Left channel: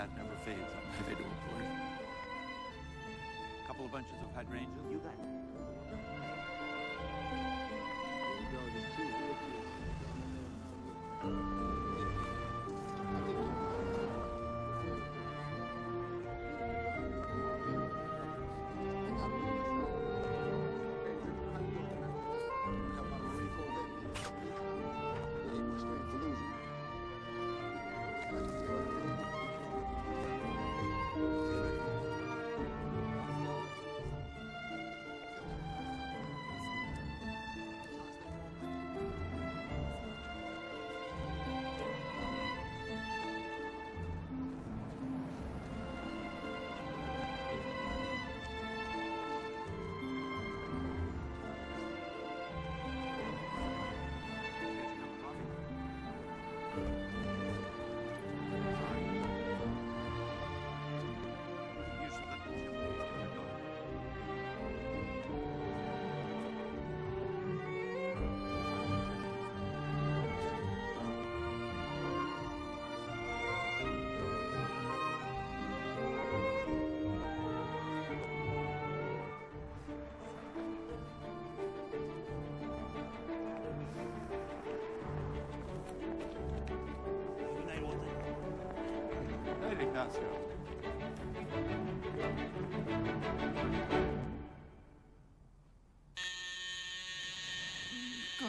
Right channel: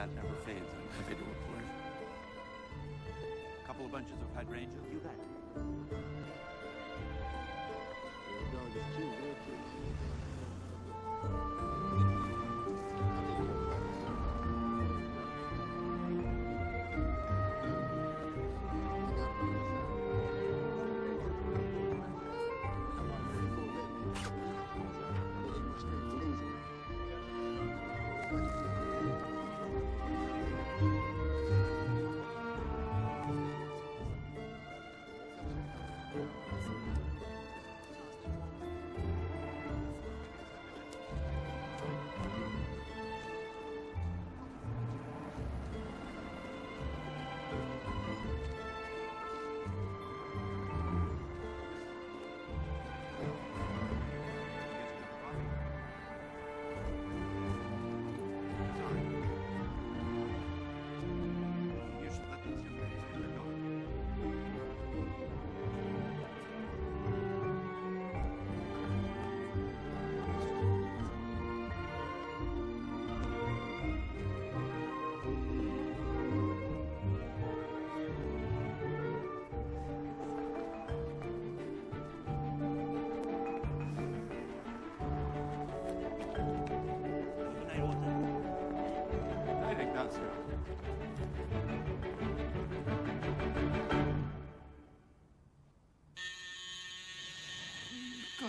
that never fades on individual poison. A couple of bunches of hydrangea will do that.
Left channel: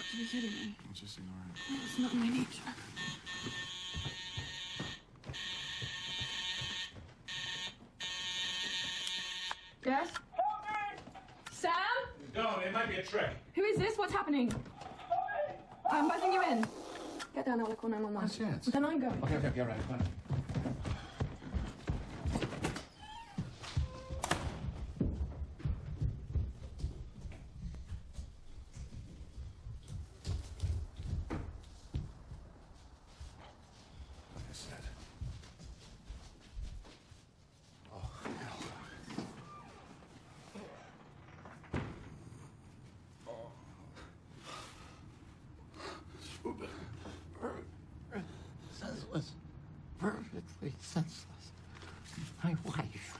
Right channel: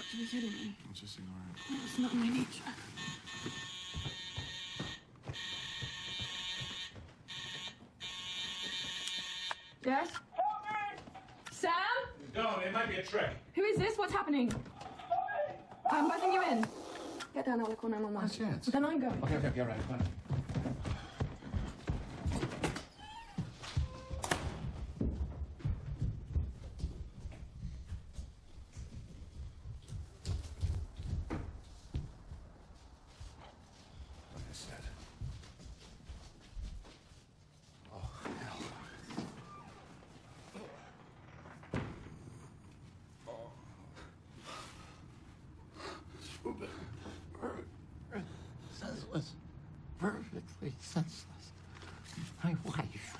Can you get it? I'm just ignoring it. That was not my nature. Yes? Sam? No, it might be a trick. Who is this? What's happening? I'm buzzing you in. Get down there, look on my Yes, yes. Then I'm going. Okay, all right, fine. Senseless. Perfectly senseless. My wife.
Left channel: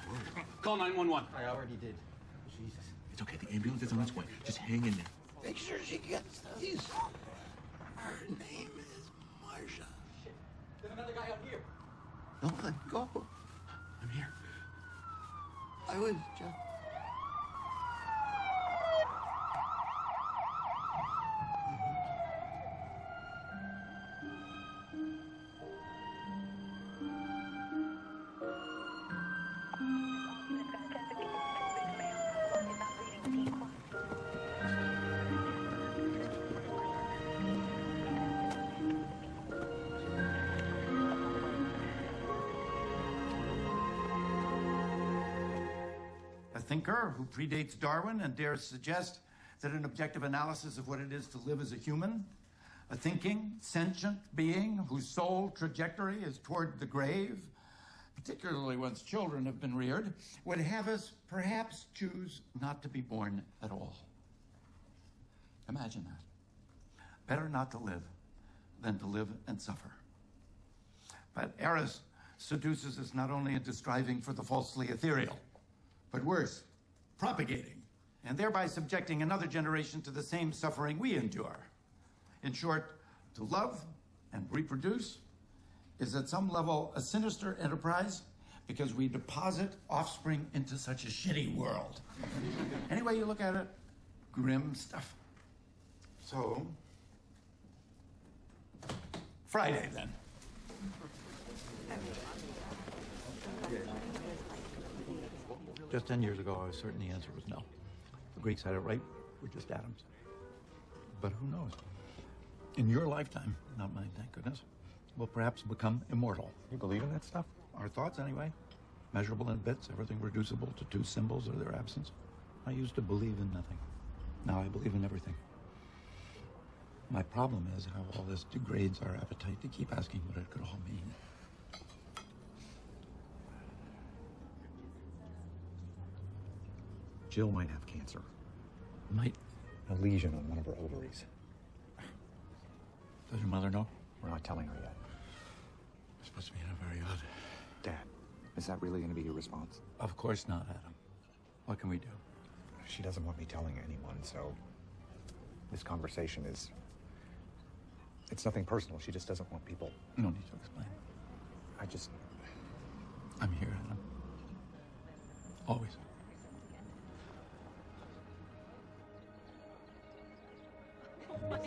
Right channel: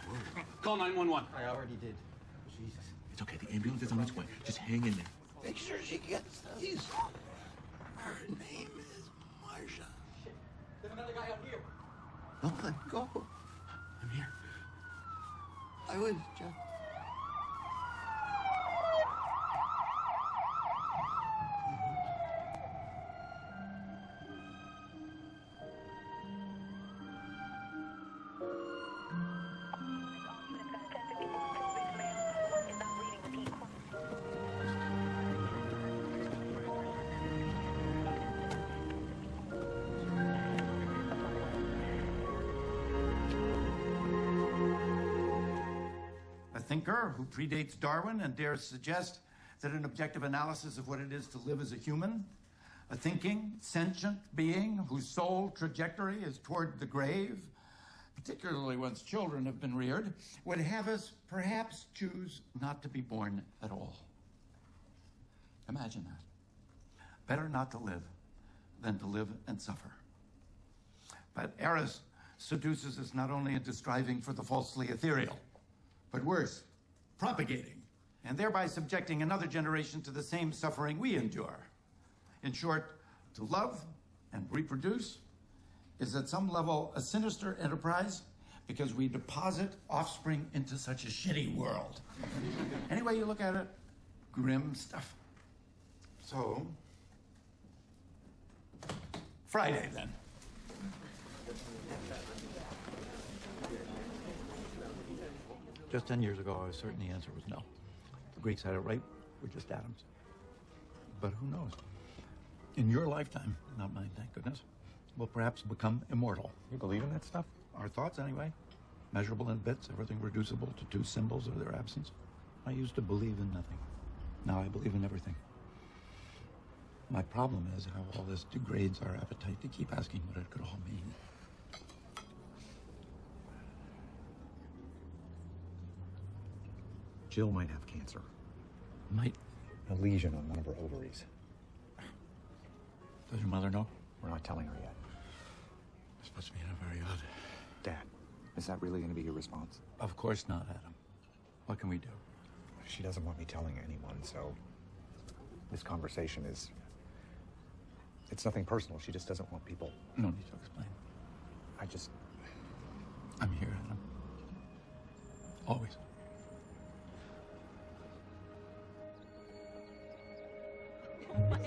Call 911. I already did. Jesus. It's okay, the ambulance is on its way. Just hang in there. Make sure she gets these. Her name is Marcia. Don't let go. I'm here. I would, Jeff. A thinker who predates Darwin and dares suggest that an objective analysis of what it is to live as a human, a thinking, sentient being whose sole trajectory is toward the grave, particularly once children have been reared, would have us perhaps choose not to be born at all. Imagine that. Better not to live than to live and suffer. But Eris seduces us not only into striving for the falsely ethereal, but worse, propagating, and thereby subjecting another generation to the same suffering we endure. In short, to love and reproduce is at some level a sinister enterprise because we deposit offspring into such a shitty world. Any way you look at it, grim stuff. So, Friday then. Just 10 years ago, I was certain the answer was no. The Greeks had it right. We're just atoms. But who knows? In your lifetime, not mine, thank goodness, we'll perhaps become immortal. You believe in that stuff? Our thoughts, anyway. Measurable in bits, everything reducible to two symbols or their absence. I used to believe in nothing. Now I believe in everything. My problem is, all this degrades our appetite to keep asking what it could all mean. Jill might have cancer. Might. A lesion on one of her ovaries. Does your mother know? We're not telling you yet. This must be a very odd. Dad, Is that really going to be your response? Of course not, Adam. What can we do? She doesn't want me telling anyone, so this conversation is... It's nothing personal. She just doesn't want people... You don't need to explain. I'm here, Adam. Always. I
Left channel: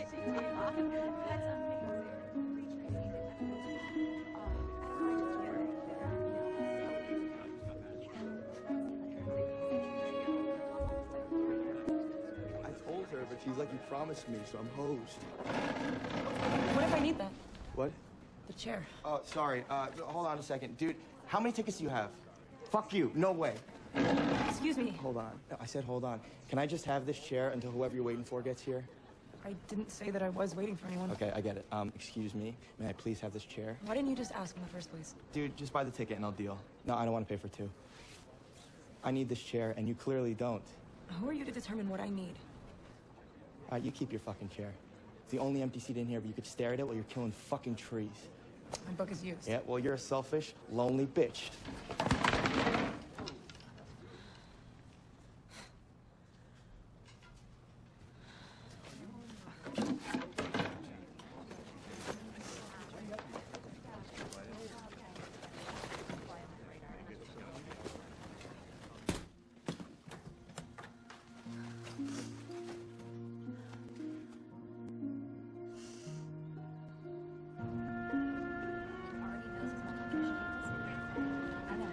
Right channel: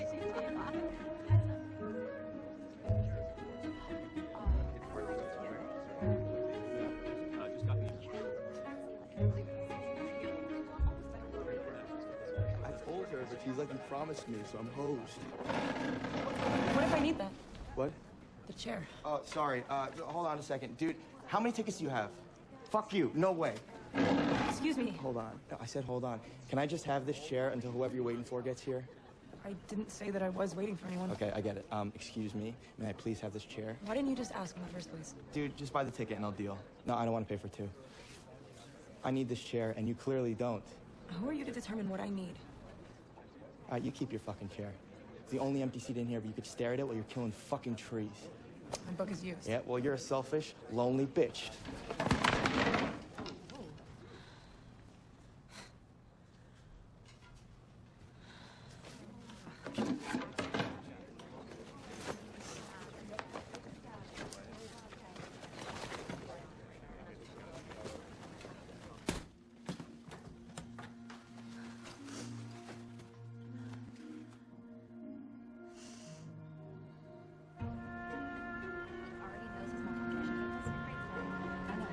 told her if she's like you promised me, so I'm hosed. What if I need that? What? The chair. Oh, sorry. Hold on a second. Dude, how many tickets do you have? Fuck you. No way. Excuse me. Hold on. I said hold on. Can I just have this chair until whoever you're waiting for gets here? I didn't say that I was waiting for anyone. Okay, I get it. Excuse me. May I please have this chair? Why didn't you just ask in the first place? Dude, just buy the ticket and I'll deal. No, I don't want to pay for two. I need this chair, and you clearly don't. Who are you to determine what I need? You keep your fucking chair. It's the only empty seat in here, but you could stare at it while you're killing fucking trees. My book is used. Yeah, well, you're a selfish, lonely bitch.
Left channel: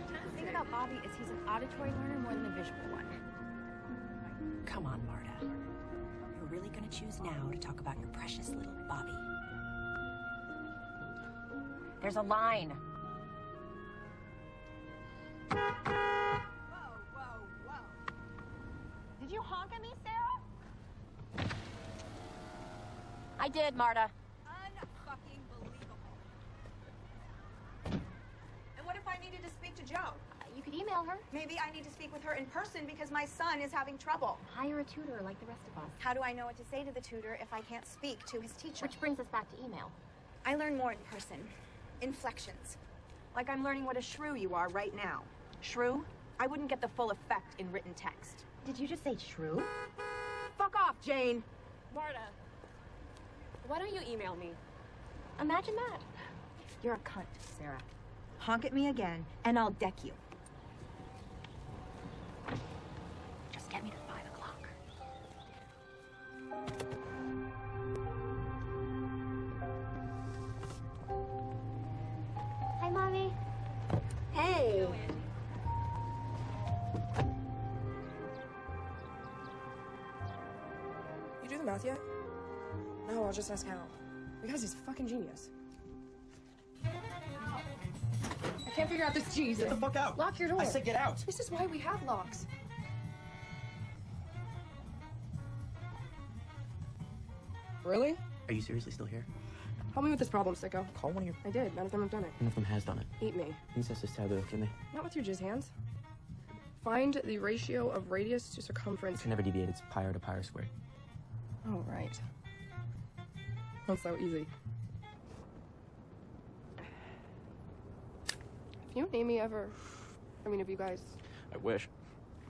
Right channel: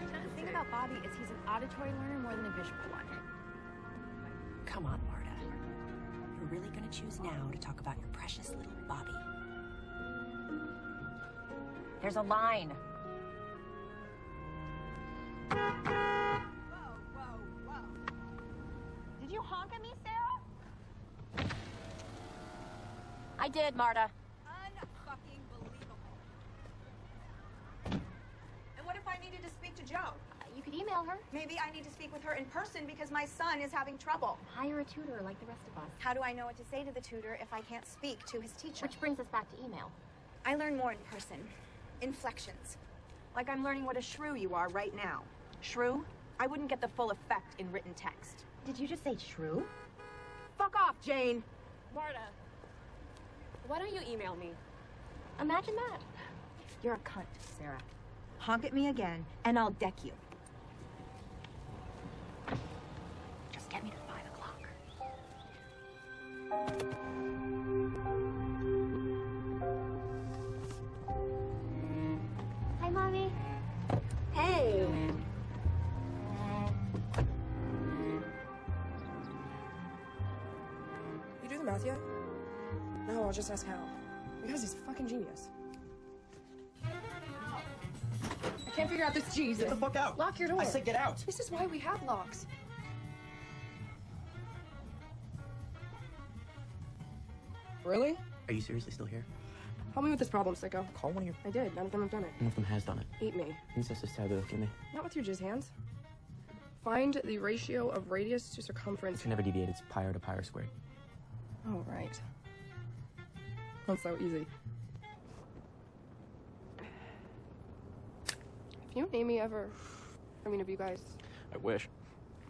The thing about Bobby is he's an auditory learner more than a visual one. Come on, Marta. You're really gonna choose now to talk about your precious little Bobby. There's a line. Whoa. Did you honk at me, Sarah? I did, Marta. Unfucking believable. And what if I needed to speak to Joe? You could email her. Maybe I need to speak with her in person because my son is having trouble. Hire a tutor like the rest of us. How do I know what to say to the tutor if I can't speak to his teacher? Which brings us back to email. I learn more in person. Inflections. Like I'm learning what a shrew you are right now. Shrew? I wouldn't get the full effect in written text. Did you just say shrew? Fuck off, Jane! Marta, why don't you email me? Imagine that. You're a cunt, Sarah. Honk at me again, and I'll deck you. Just get me to 5 o'clock. Hi, Mommy. Hey! You do the math yet? No, I'll just ask Hal. Because he's fucking genius. I can't figure out this cheese. Get the fuck out! Lock your door. I said get out! This is why we have locks. Really? Are you seriously still here? Help me with this problem, sicko. Call one of your... I did. None of them have done it. One of them has done it. Eat me. These sisters Tyler look at me. Not with your jizz hands. Find the ratio of radius to circumference. It's never deviate. It's pi to pi squared. Oh, right. Oh, so easy. You and Amy ever... I mean, have you guys... I wish.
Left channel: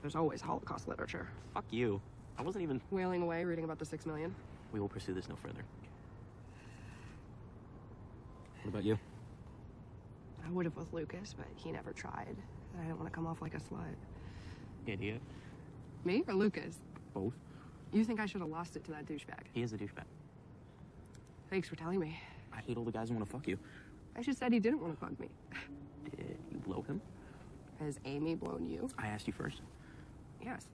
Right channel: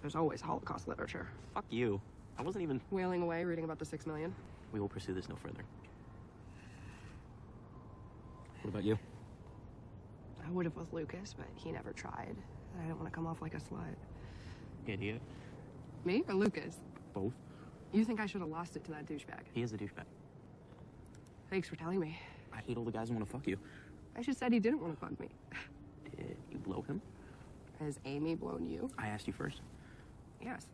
There's always Holocaust literature. Fuck you. I wasn't even... Wailing away, reading about the 6 million. We will pursue this no further. What about you? I would have with Lucas, but he never tried. I didn't want to come off like a slut. Idiot. Me or Lucas? Both. You think I should have lost it to that douchebag? He is a douchebag. Thanks for telling me. I hate all the guys who want to fuck you. I should said he didn't want to fuck me. Did you blow him? Has Amy blown you? I asked you first. Yes.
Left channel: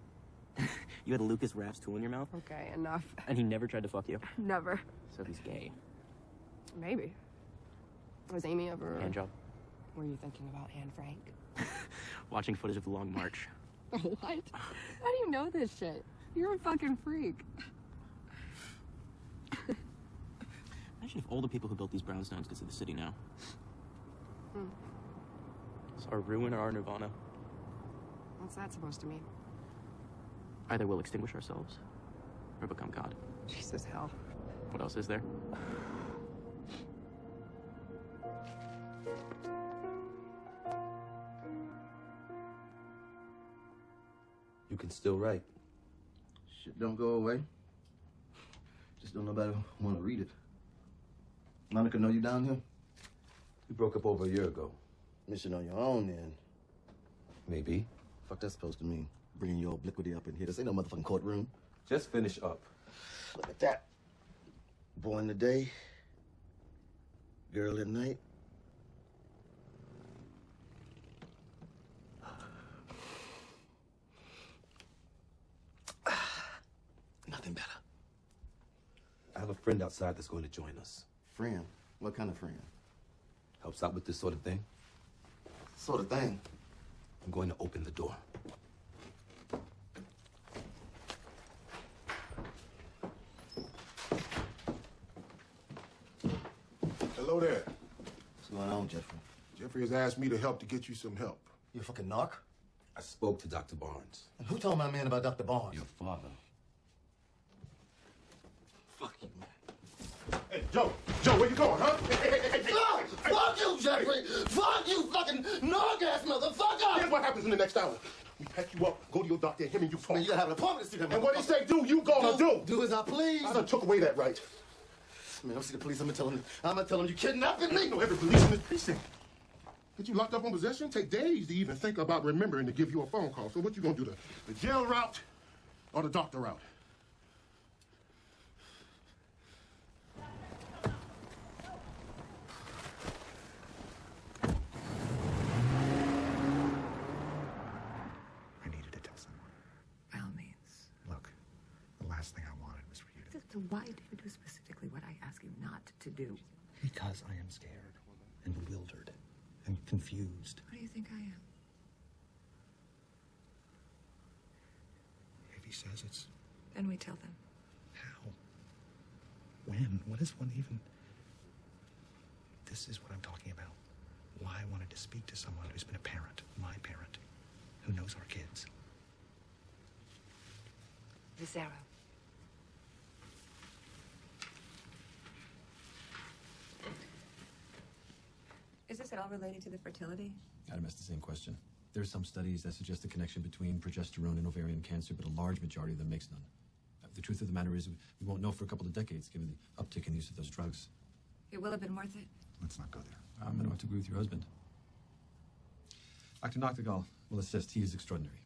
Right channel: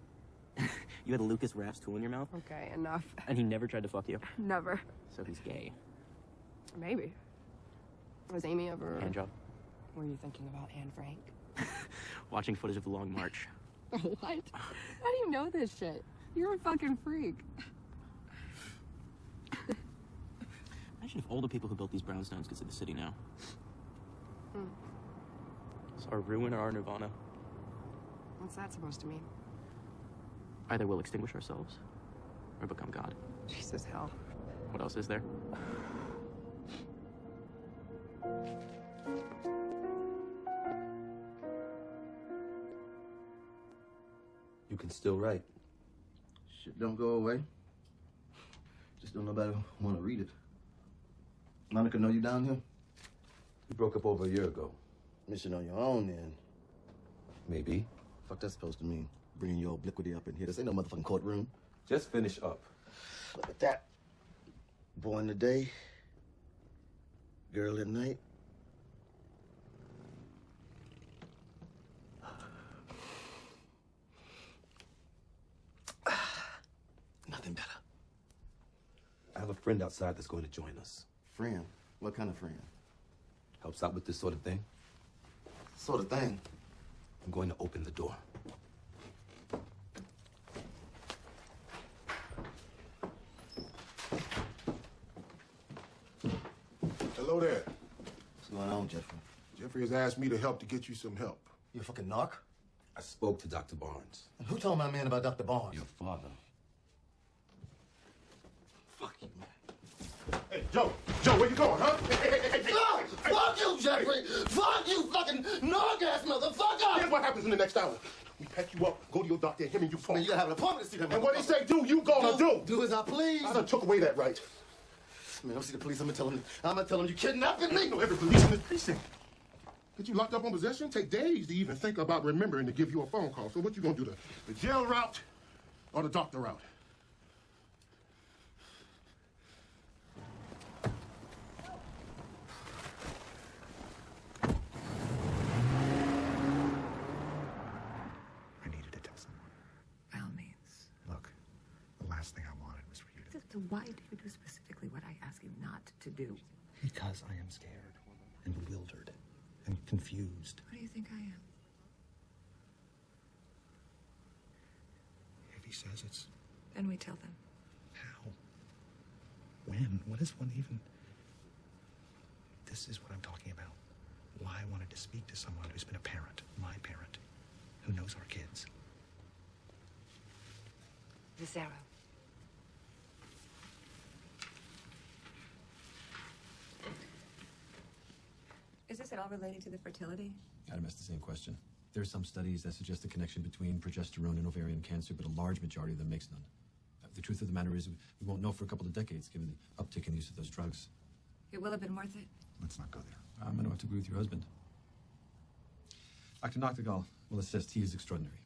You had a Lucas Raps tool in your mouth, Okay, enough. and he never tried to fuck you. Never. So he's gay. Maybe. Was Amy ever... Hand job. Were you thinking about Anne Frank? Watching footage of the Long March. What? How do you know this shit? You're a fucking freak. Imagine if all the people who built these brownstones could see the city now. It's our ruin or our nirvana. What's that supposed to mean? Either we'll extinguish ourselves, or become God. Jesus, hell. What else is there? can still write. Shit don't go away. Just don't nobody want to read it. Monica know you down here? We broke up over a year ago. Mission on your own, then. Maybe. Fuck that's supposed to mean? Bringing your obliquity up in here. This ain't no motherfucking courtroom. Just finish up. Look at that. Boy in the day. Girl at night. Nothing better. I have a friend outside that's going to join us. Friend? What kind of friend? Helps out with this sort of thing. Sort of thing? I'm going to open the door. Hello there. What's going on, Jeffrey? Jeffrey has asked me to help to get you some help. You a fucking narc? I spoke to Dr. Barnes. And who told my man about Dr. Barnes? Your father. Fuck you, man. Hey, Joe, where you going, huh? Hey. Fuck you, Jeffrey! Fuck you, fucking narc-ass motherfucker! Here's what happens in the next hour. We pack you up, go to your doctor, him and you Man, you gotta have an appointment to see that And what he say do, you gonna do. Do as I please. I done took away that right. Man, don't see the police, I'm gonna tell them you kidnapping me! No, every police in this precinct. Get you locked up on possession? Take days to even think about remembering to give you a phone call. So what you gonna do, the jail route or the doctor route? I needed to tell someone. By all means. Look, the last thing I wanted was for you to... So why do you do specifically what I ask you not to do? Because I am scared and bewildered and confused. What do you think I am? If he says it's... Then we tell them. How? When? What is one even... This is what I'm talking about. Why I wanted to speak to someone who's been a parent, my parent, who knows our kids. Sarah. Is this at all related to the fertility? Adam asked the same question. There are some studies that suggest a connection between progesterone and ovarian cancer, but a large majority of them makes none. The truth of the matter is, we won't know for a couple of decades, given the uptick in use of those drugs. It will have been worth it. Let's not go there. I'm going to have to agree with your husband. Dr. Noctegal will assist. He is extraordinary.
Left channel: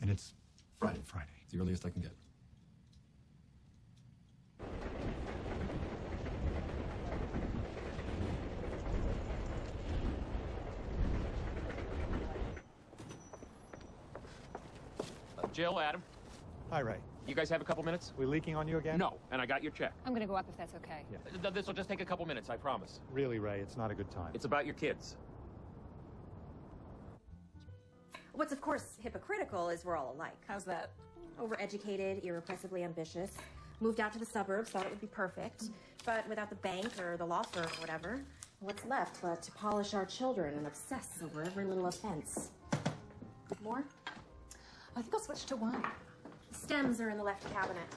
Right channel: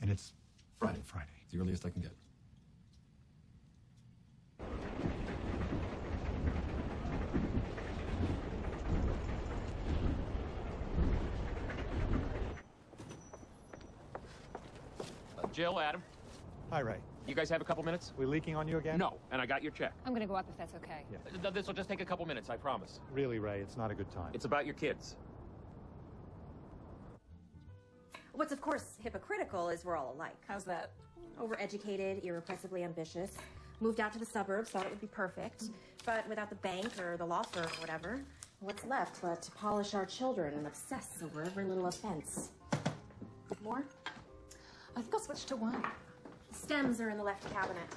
And it's Friday. The earliest I can get. Jill, Adam. Hi, Ray. You guys have a couple minutes? We leaking on you again? No, and I got your check. I'm gonna go up if that's okay. Yeah. This will just take a couple minutes, I promise. Really, Ray, it's not a good time. It's about your kids. What's of course hypocritical is we're all alike. How's that? Overeducated, irrepressibly ambitious, moved out to the suburbs, thought it would be perfect, but without the bank or the law firm or whatever, what's left but to polish our children and obsess over every little offense? More? I think I switched to one. The stems are in the left cabinet.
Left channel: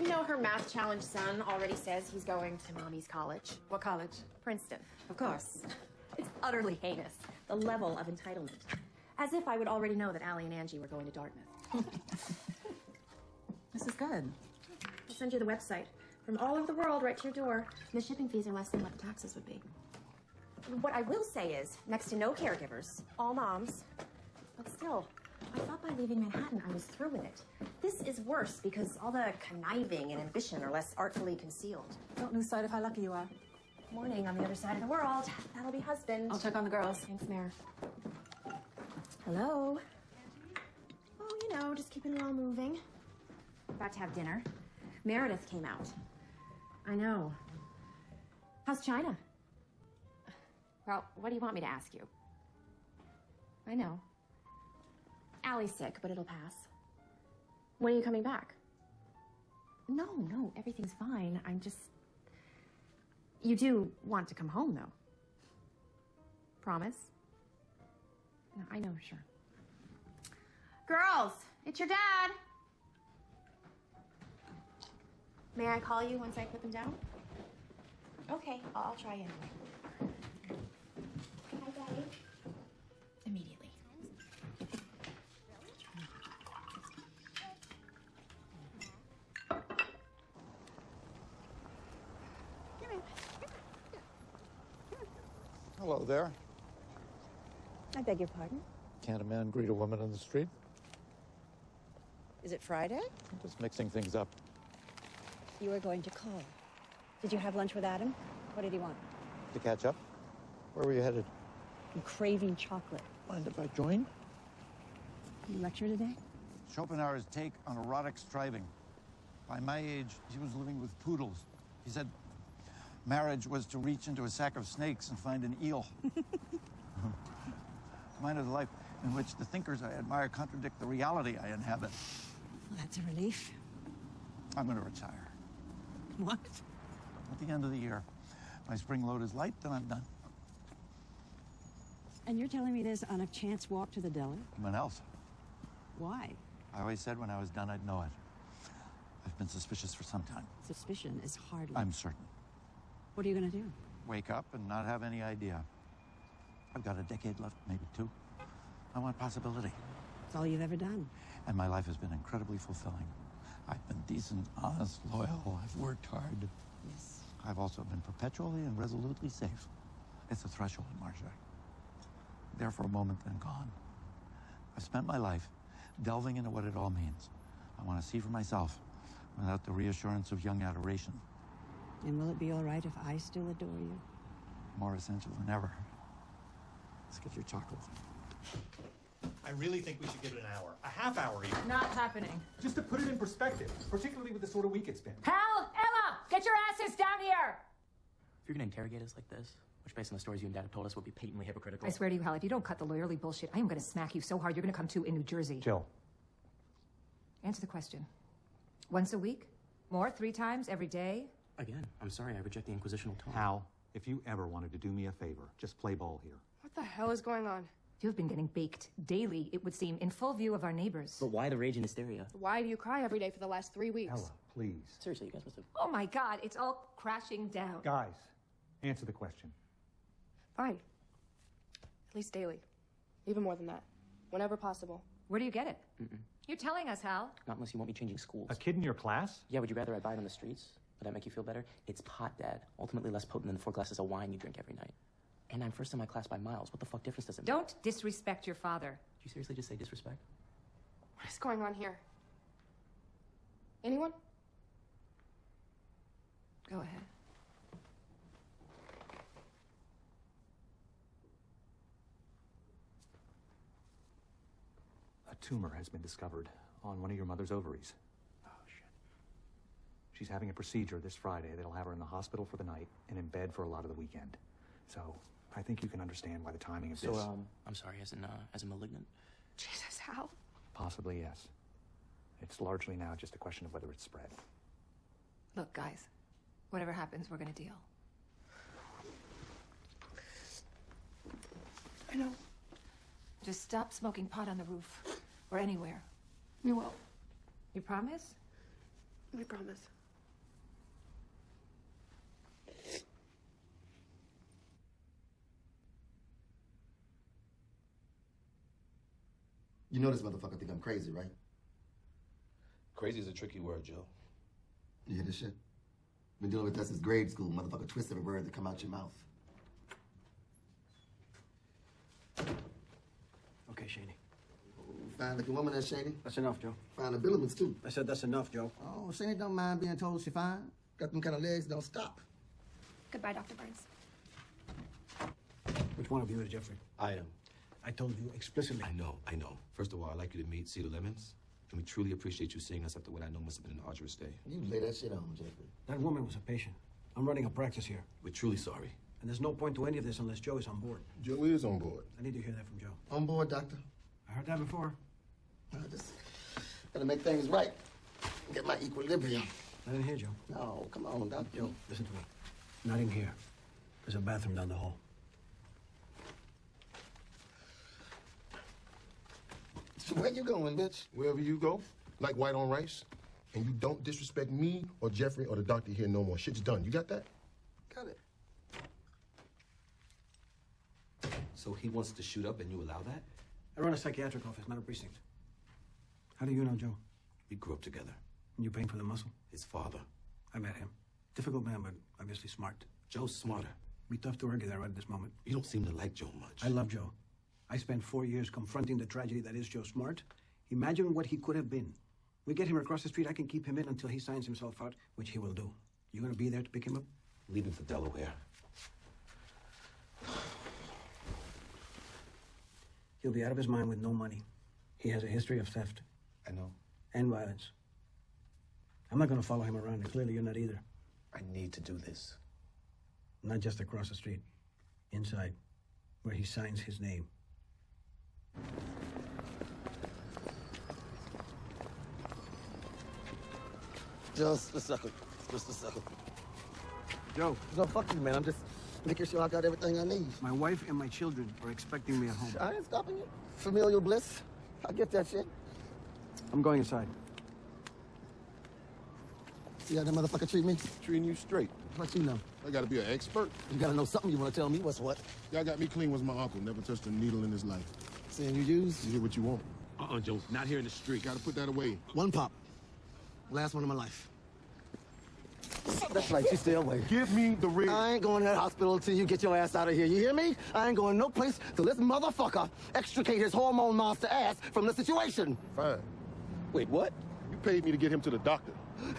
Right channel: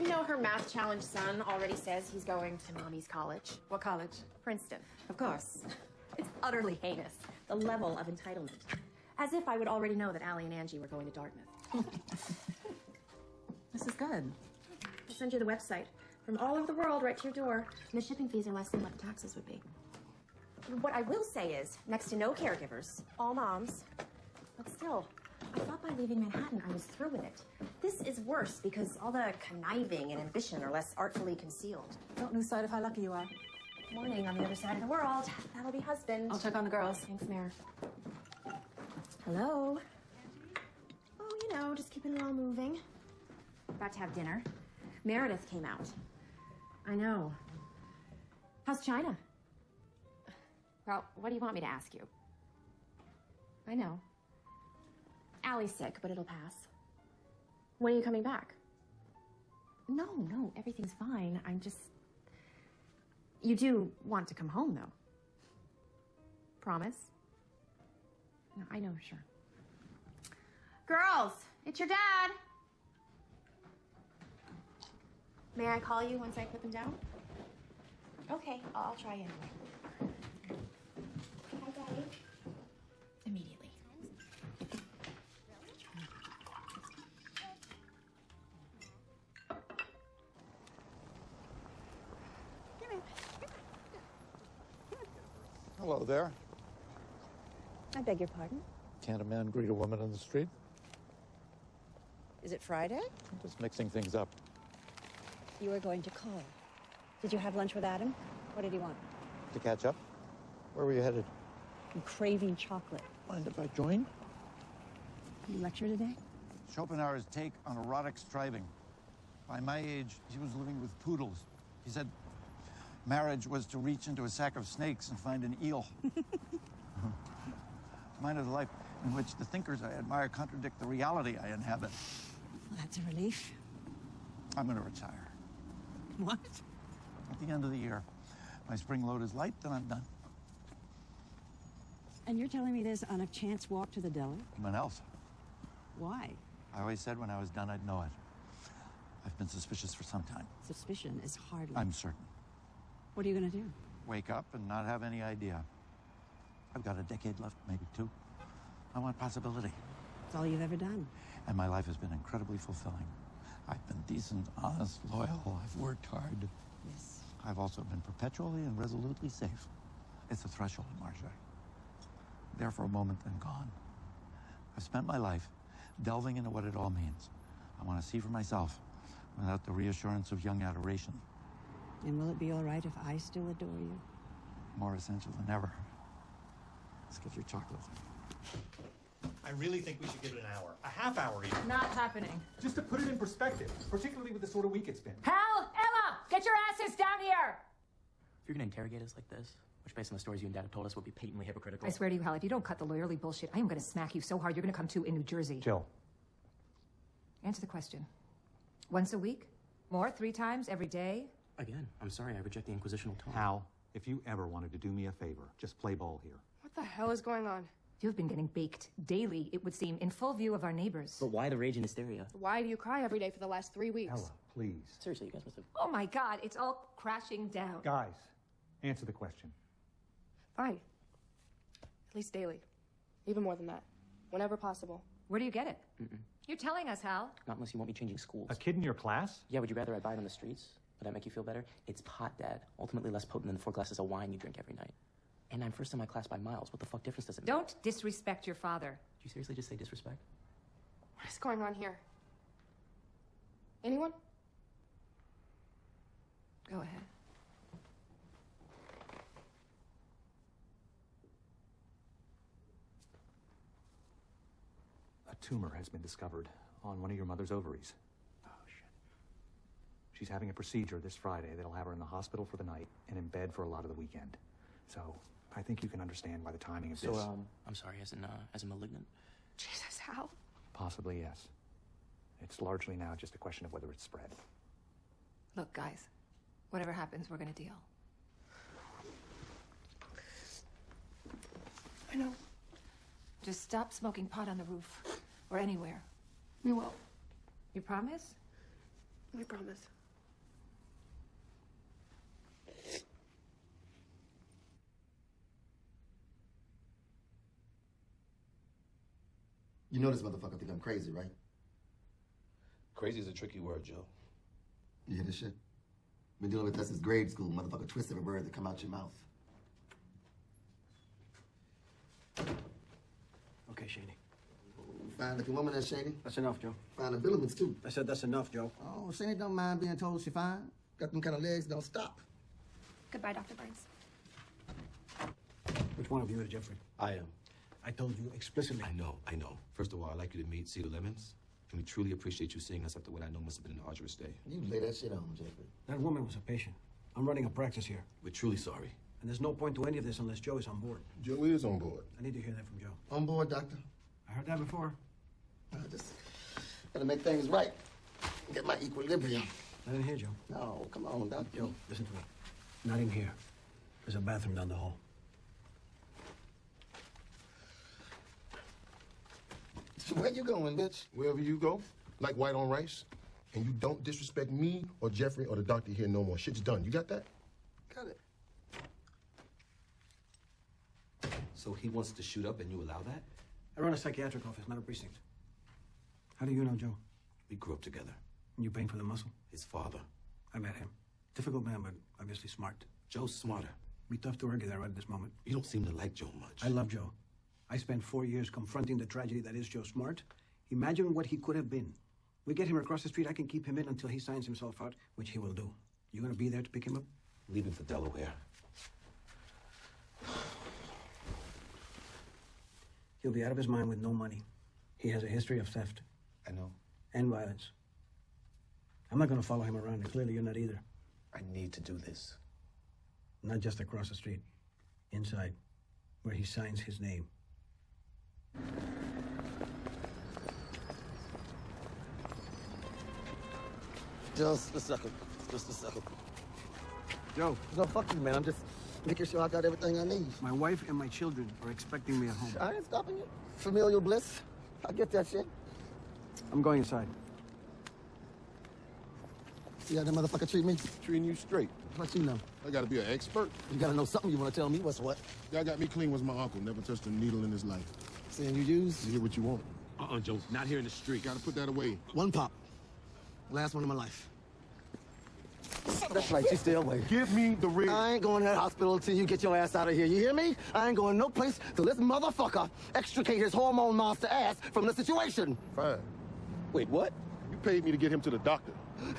You know, her math challenge son already says he's going to mommy's college. What college? Princeton. Of course. It's utterly heinous, the level of entitlement. As if I would already know that Allie and Angie were going to Dartmouth. This is good. I'll send you the website. From all over the world, right to your door. The shipping fees are less than what the taxes would be. What I will say is, next to no caregivers, all moms. But still, I thought by leaving Manhattan I was through with it. This is worse because all the conniving and ambition are less artfully concealed. Don't lose sight of how lucky you are. Morning on the other side of the world. That'll be husband. I'll check on the girls. Thanks, Mayor. Hello. Oh, you know, just keeping it all moving. About to have dinner. Meredith came out. I know. How's China? Well, what do you want me to ask you? I know. Allie's sick, but it'll pass. When are you coming back? No, everything's fine. I'm just... You do want to come home, though. Promise? No, I know, sure. Girls, it's your dad. May I call you once I put them down? Okay, I'll try in. Immediately. Hello there. I beg your pardon? Can't a man greet a woman on the street? Is it Friday? Just mixing things up. You were going to call. Did you have lunch with Adam? What did he want? To catch up? Where were you headed? I'm craving chocolate. Mind if I join? Lecture today? Schopenhauer's take on erotic striving. By my age, he was living with poodles. He said marriage was to reach into a sack of snakes and find an eel. Mine is a life in which the thinkers I admire contradict the reality I inhabit. That's a relief. I'm going to retire. What? At the end of the year. My spring load is light, then I'm done. And you're telling me this on a chance walk to the dog? Anyone else? Why? I always said when I was done, I'd know it. I've been suspicious for some time. Suspicion is hard. I'm certain. What are you going to do? Wake up and not have any idea. I've got a decade left, maybe two. I want possibility. It's all you've ever done. And my life has been incredibly fulfilling. I've been decent, honest, loyal. I've worked hard. Yes. I've also been perpetually and resolutely safe. It's a threshold, Marcia. There for a moment and gone. I've spent my life delving into what it all means. I want to see for myself without the reassurance of young adoration. And will it be all right if I still adore you? More essential than ever. Let's get your chocolate. I really think we should give it an hour. A half hour even. Not happening. Just to put it in perspective, particularly with the sort of week it's been. Hal! Emma! Get your asses down here! If you're gonna interrogate us like this, which based on the stories you and Dad have told us would be patently hypocritical. I swear to you, Hal, if you don't cut the lawyerly bullshit, I am gonna smack you so hard you're gonna come to in New Jersey. Jill. Answer the question. Once a week? More? 3 times? Every day? Again, I'm sorry, I reject the inquisitional tone. Hal, if you ever wanted to do me a favor, just play ball here. What the hell is going on? You've been getting baked daily, it would seem, in full view of our neighbors. But why the rage and hysteria? Why do you cry every day for the last 3 weeks? Ella, please. Seriously, you guys must have... Oh my God, it's all crashing down. Guys, answer the question. Fine. At least daily. Even more than that. Whenever possible. Where do you get it? Mm-mm. You're telling us, Hal. Not unless you want me changing schools. A kid in your class? Yeah, would you rather I buy it on the streets? Would that make you feel better? It's pot, Dad. Ultimately less potent than the 4 glasses of wine you drink every night. And I'm first in my class by miles. What the fuck difference does it make? Don't disrespect your father. Did you seriously just say disrespect? What is going on here? Anyone? Go ahead. A tumor has been discovered on one of your mother's ovaries. Oh, shit. She's having a procedure this Friday. They'll have her in the hospital for the night and in bed for a lot of the weekend. So I think you can understand why the timing of this... I'm sorry, as a malignant? Jesus, Hal. Possibly, yes. It's largely now just a question of whether it's spread. Look, guys, whatever happens, we're gonna deal. I know. Just stop smoking pot on the roof. Or anywhere. We will. You promise? We promise. You know this motherfucker think I'm crazy, right? Crazy is a tricky word, Joe. You hear this shit? Been dealing with that since grade school. Motherfucker twisted a word that came out your mouth. Okay, Shady. Fine looking woman, that Shady. That's enough, Joe. Fine abilities, too. I said that's enough, Joe. Oh, Shady don't mind being told she fine. Got them kind of legs that don't stop. Goodbye, Dr. Burns. Which one of you is Jeffrey? I am. I told you explicitly. I know. First of all, I'd like you to meet Cedar Lemons. And we truly appreciate you seeing us after what I know must have been an arduous day. You lay that shit on, Jeffrey. That woman was a patient. I'm running a practice here. We're truly sorry. And there's no point to any of this unless Joe is on board. Joe is on board. I need to hear that from Joe. On board, doctor. I heard that before. I just gotta make things right. Get my equilibrium. I didn't hear Joe. No, come on, doctor. Joe, listen to me. Not in here. There's a bathroom down the hall. Where you going, bitch? Wherever you go, like white on rice. And you don't disrespect me or Jeffrey or the doctor here no more. Shit's done. You got that? Got it. So he wants to shoot up and you allow that? I run a psychiatric office, not a precinct. How do you know Joe? We grew up together. You paying for the muscle? His father. I met him. Difficult man, but obviously smart. Joe's smarter. Be tough to argue that right at this moment. You don't seem to like Joe much. I love Joe. I spent 4 years confronting the tragedy that is Joe Smart. Imagine what he could have been. We get him across the street, I can keep him in until he signs himself out, which he will do. You gonna be there to pick him up? Leaving for Delaware. He'll be out of his mind with no money. He has a history of theft. I know. And violence. I'm not gonna follow him around, and clearly you're not either. I need to do this. Not just across the street. Inside, where he signs his name. Just a second. Just a second. Joe. No, fuck you, man. I'm just making sure I got everything I need. My wife and my children are expecting me at home. I ain't stopping you. Familial bliss. I get that shit. I'm going inside. See how that motherfucker treat me? Treating you straight. What you know? I gotta be an expert. You gotta know something. You wanna tell me what's what? Y'all got me clean was my uncle. Never touched a needle in his life. Seeing you use? You get what you want. Joe. Not here in the street. Gotta put that away. One pop. Last one of my life. That's right, you stay away. Give me the ring. I ain't going to that hospital until you get your ass out of here. You hear me? I ain't going no place till this motherfucker extricate his hormone monster ass from the situation. Fine. Wait, what? You paid me to get him to the doctor.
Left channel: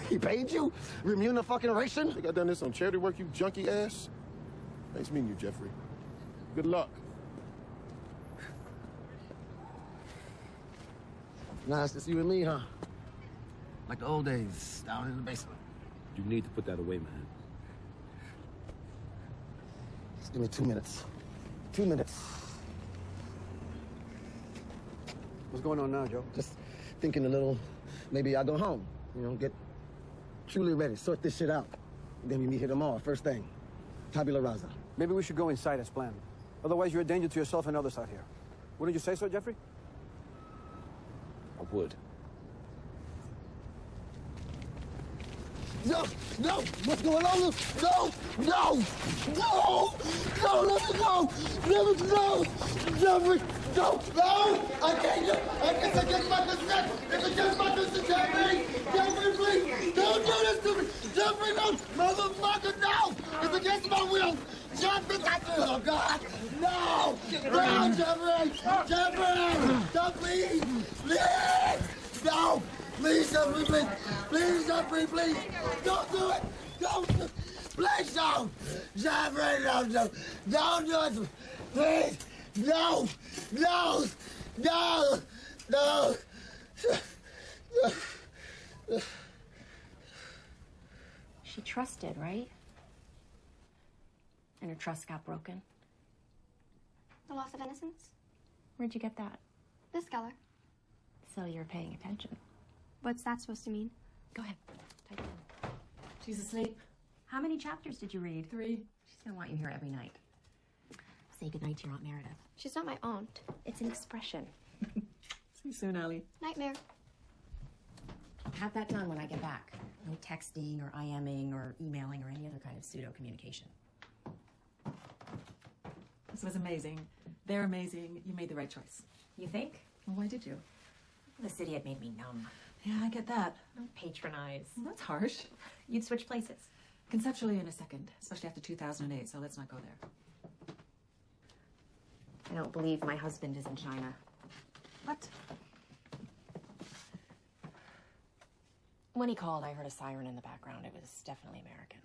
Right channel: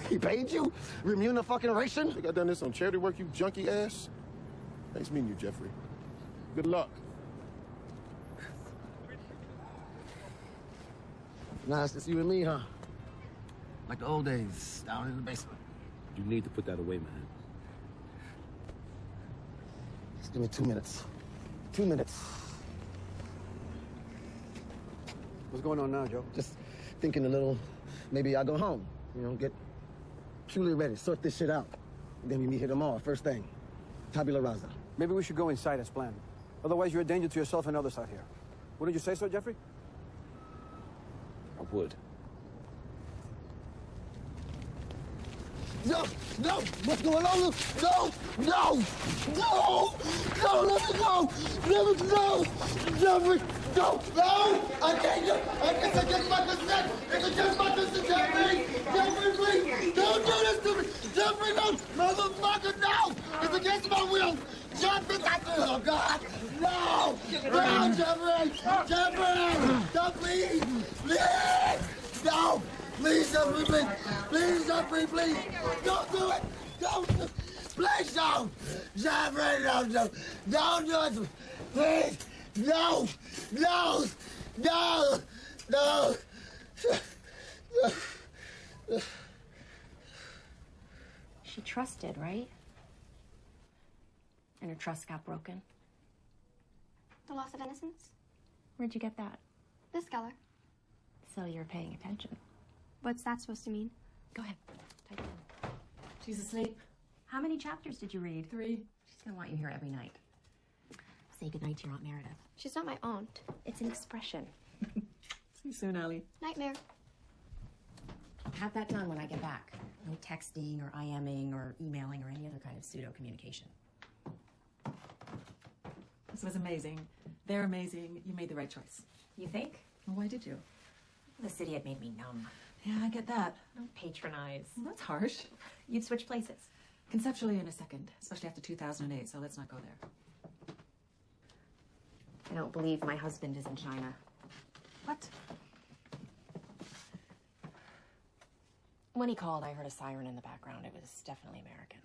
He paid you? Remuneration? Think I done this on charity work, you junkie ass? Nice meeting you, Jeffrey. Good luck. Nice to see you and me, huh? Like the old days, down in the basement. You need to put that away, man. Just give me 2 minutes. 2 minutes. What's going on now, Joe? Just thinking a little, maybe I'll go home. You know, get truly ready, sort this shit out. Then we meet here tomorrow, first thing. Tabula rasa. Maybe we should go inside as planned. Otherwise, you're a danger to yourself and others out here. What did you say, sir, Jeffrey? I would. No! No! What's going on? No! No! No! No! Let me go! Let me go! Jeffrey! No! No! I can't take my consent! It's against my consent, Jeffrey! Jeffrey! Don't do this to me! Jeffrey, no! Motherfucker, no! It's against my will! Jeffrey! Oh, God! No! No, Jeffrey! Jeffrey! No, please! Please! No! Please, Jeffrey, please! Please, Jeffrey, please! Don't do it! Don't do it! Please, don't! Jeffrey, don't do it! Please! No! No! No! No! She trusted, right? And her trust got broken. The loss of innocence? Where'd you get that? This color. So you're paying attention. What's that supposed to mean? Go ahead. Type in. She's asleep. How many chapters did you read? 3. She's gonna want you here every night. Say goodnight to your Aunt Meredith. She's not my aunt. It's an expression. See you soon, Allie. Nightmare. Have that done when I get back. No texting or IMing or emailing or any other kind of pseudo communication. This was amazing. They're amazing. You made the right choice. You think? Well, why did you? The city had made me numb. Yeah, I get that. Don't patronize. That's harsh. You'd switch places. Conceptually in a second, especially after 2008, so let's not go there. I don't believe my husband is in China. What? When he called, I heard a siren in the background. It was definitely American.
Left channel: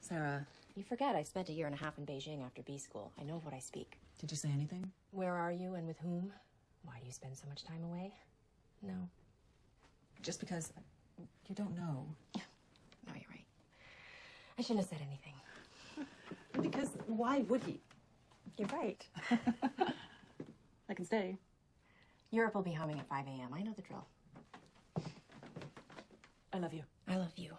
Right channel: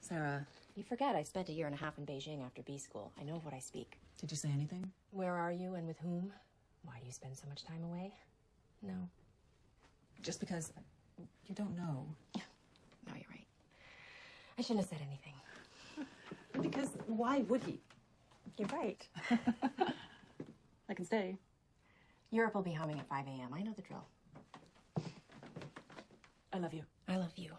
Sarah, You forget I spent a year and a half in Beijing after B school. I know of what I speak. did you say anything? Where are you and with whom? Why do you spend so much time away? No. Just because you don't know. No, you're right. I shouldn't have said anything. Because why would he? You're right. I can stay. Europe will be humming at 5 a.m. I know the drill. I love you. I love you.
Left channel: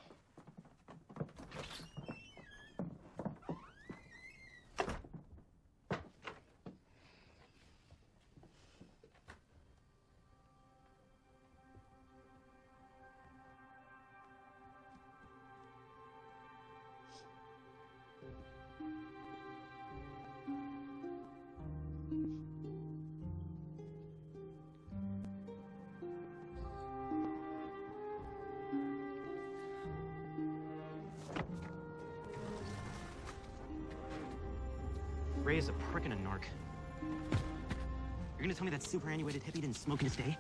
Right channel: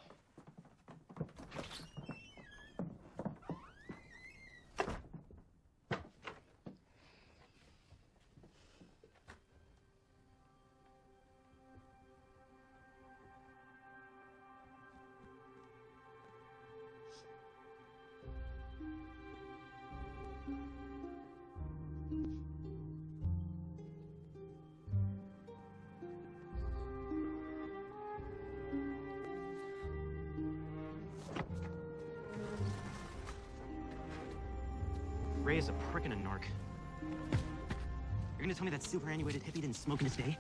Ray is a prick and a narc. You're gonna tell me that superannuated hippie didn't smoke in his day?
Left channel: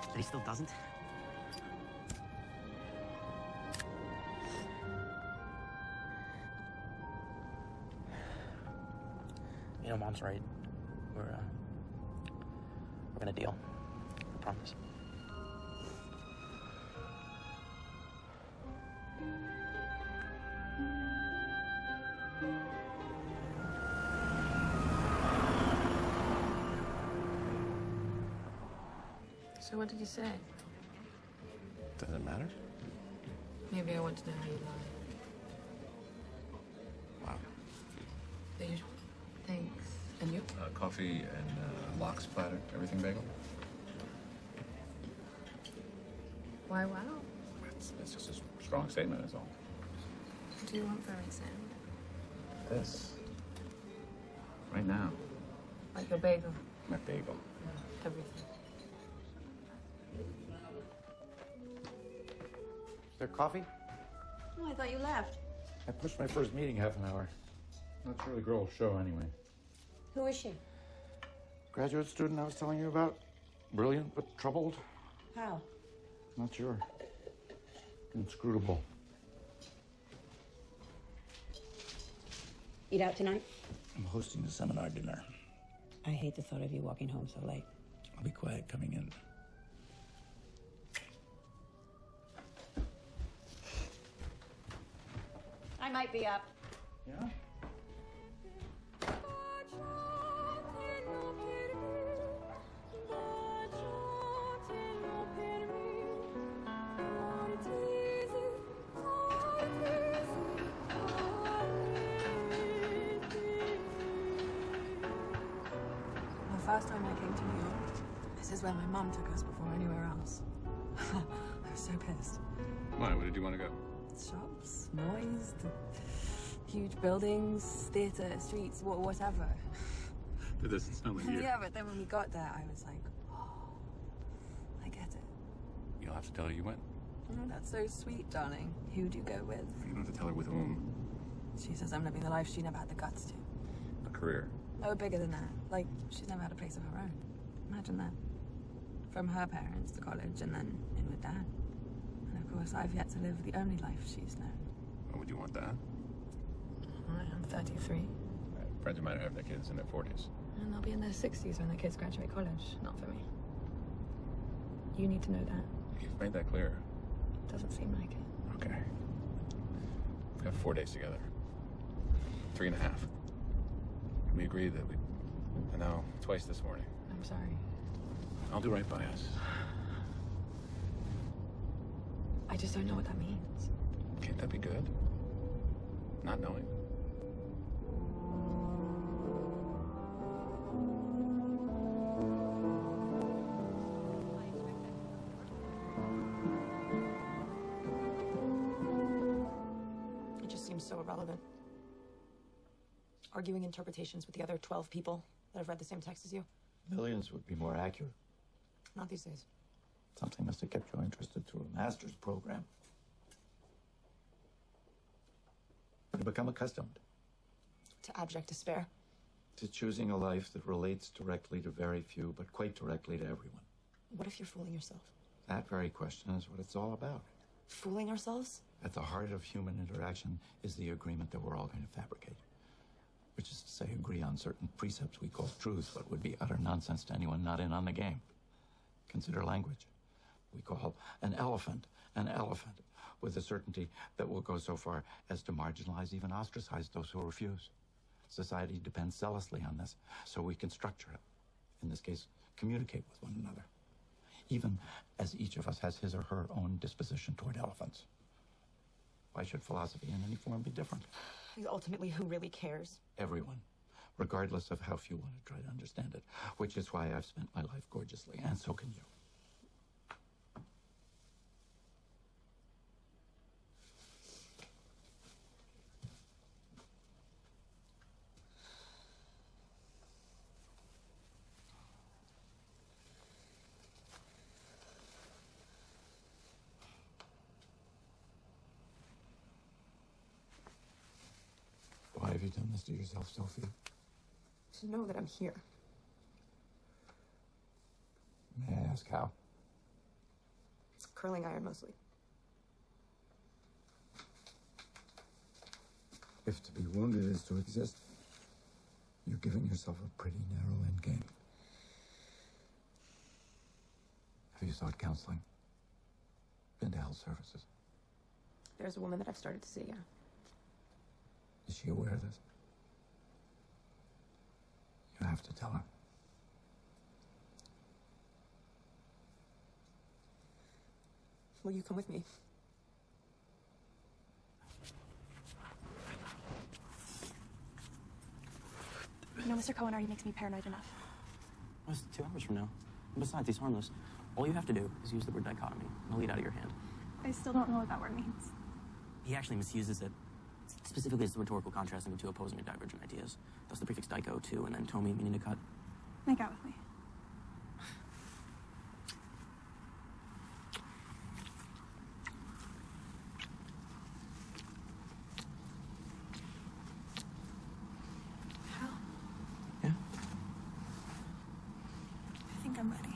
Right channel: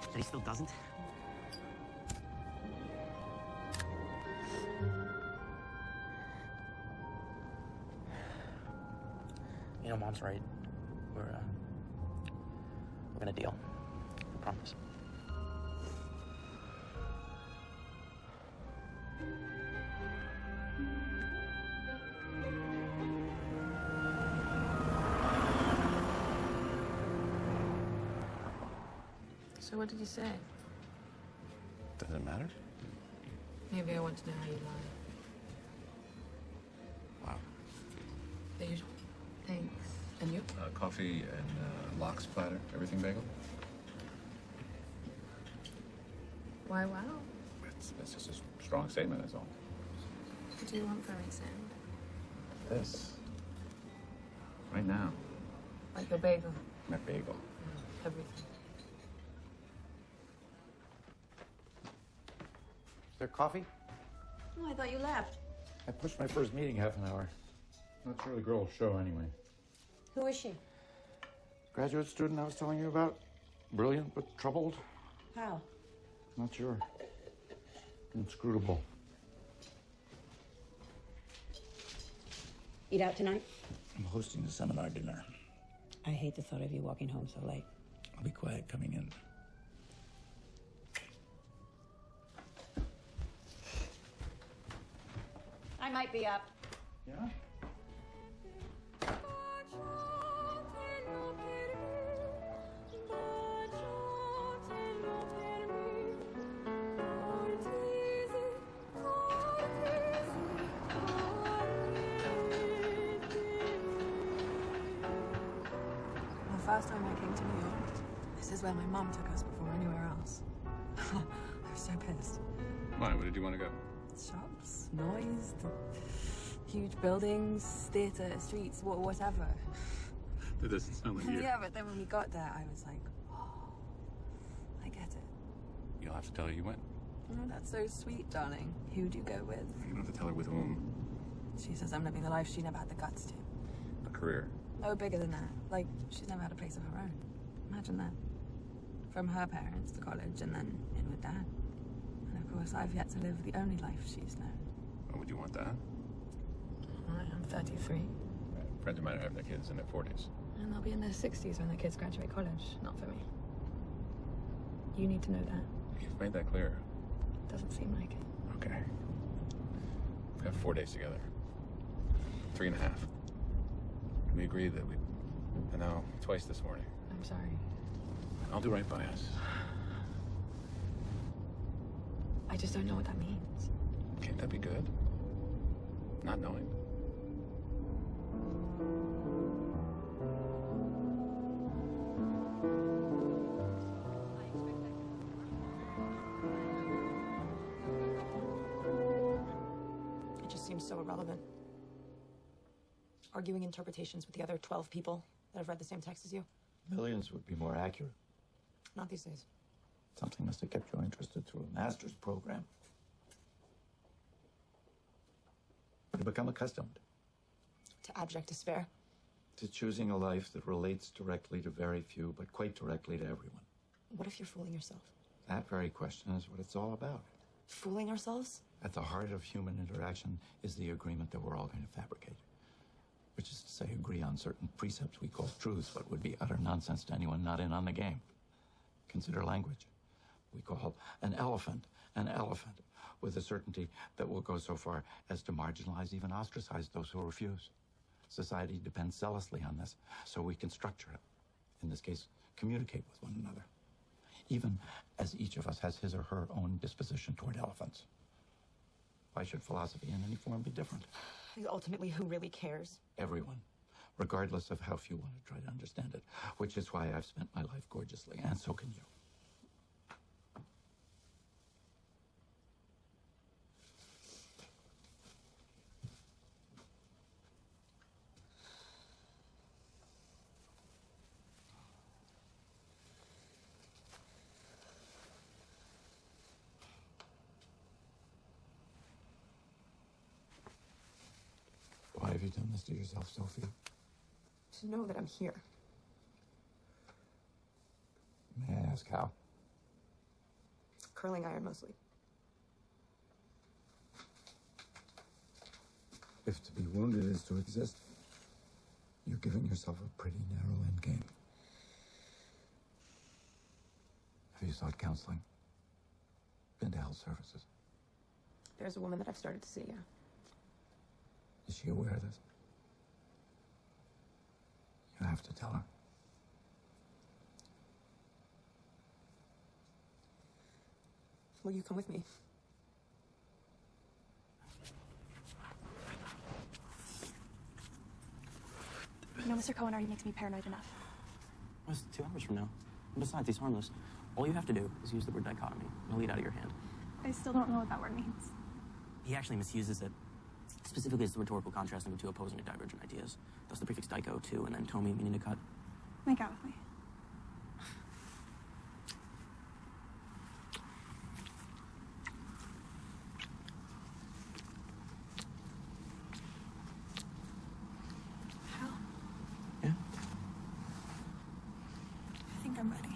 That he still doesn't? You know, Mom's right. We're gonna deal. I promise. So what did you say? Does it matter? Maybe I want to know you. Wow. The usual. Thanks. And you? Coffee and lox platter. Everything bagel? Why, wow. It's just a strong statement, that's all. What do you want from me, Sam? Yes. Right now. Like a bagel. A bagel. Everything. Is there coffee? Oh, I thought you left. I pushed my first meeting half an hour. That's from the girl's show, anyway. Who is she? Graduate student I was telling you about. Brilliant, but troubled. How? Not sure. Inscrutable. Eat out tonight? I'm hosting a seminar dinner. I hate the thought of you walking home so late. I'll be quiet coming in. I might be up. Yeah? The first time you came to me, this is where my mom took us before anywhere else. I was so pissed. Why? Where did you want to go? Shops, noise, huge buildings, theatre, streets, whatever. That doesn't sound like you. Yeah, but then when we got there, I was like, oh, I get it. You'll have to tell her you went. Oh, that's so sweet, darling. Who'd you go with? You don't have to tell her with whom. She says I'm living the life she never had the guts to. A career. Oh, bigger than that. Like, she's never had a place of her own. Imagine that. From her parents to college and then in with Dad. And of course, I've yet to live the only life she's known. Oh, would you want that? I'm 33. Friends of mine are having their kids in their 40s. And they'll be in their 60s when the kids graduate college. Not for me. You need to know that. You've made that clear. Doesn't seem like it. Okay. We have 4 days together. 3.5. We agreed that we'd been out twice this morning. I'm sorry. I'll do right by us. I just don't know what that means. Can't that be good? Not knowing. It just seems so irrelevant. Arguing interpretations with the other 12 people that have read the same text as you. Millions would be more accurate. Not these days. Something must have kept you interested through a master's program. You become accustomed To abject despair. to choosing a life that relates directly to very few, but quite directly to everyone. What if you're fooling yourself? That very question is what it's all about. Fooling ourselves? At the heart of human interaction is the agreement that we're all going to fabricate. Which is to say, agree on certain precepts we call truths, but would be utter nonsense to anyone not in on the game. Consider language. We call an elephant, with a certainty that will go so far as to marginalize, even ostracize those who refuse. Society depends zealously on this, so we can structure it. In this case, communicate with one another. Even as each of us has his or her own disposition toward elephants. Why should philosophy in any form be different? Ultimately, who really cares? Everyone, regardless of how few want to try to understand it, which is why I've spent my life gorgeously, and so can you. Why have you done this to yourself, Sophie? To know that I'm here. May I ask how? Curling iron mostly. If to be wounded is to exist, you're giving yourself a pretty narrow end game. Have you sought counseling? Been to health services? There's a woman that I've started to see, yeah. Is she aware of this? You have to tell her. Will you come with me? No, Mr. Cohen already makes me paranoid enough. That's 2 hours from now. And besides, he's harmless. All you have to do is use the word dichotomy. It'll lead out of your hand. I still don't know what that word means. He actually misuses it. Specifically, it's the rhetorical contrasting the two opposing and divergent ideas. That's the prefix dicho, too, and then tomi, meaning to cut. Make out with me. I think I'm ready.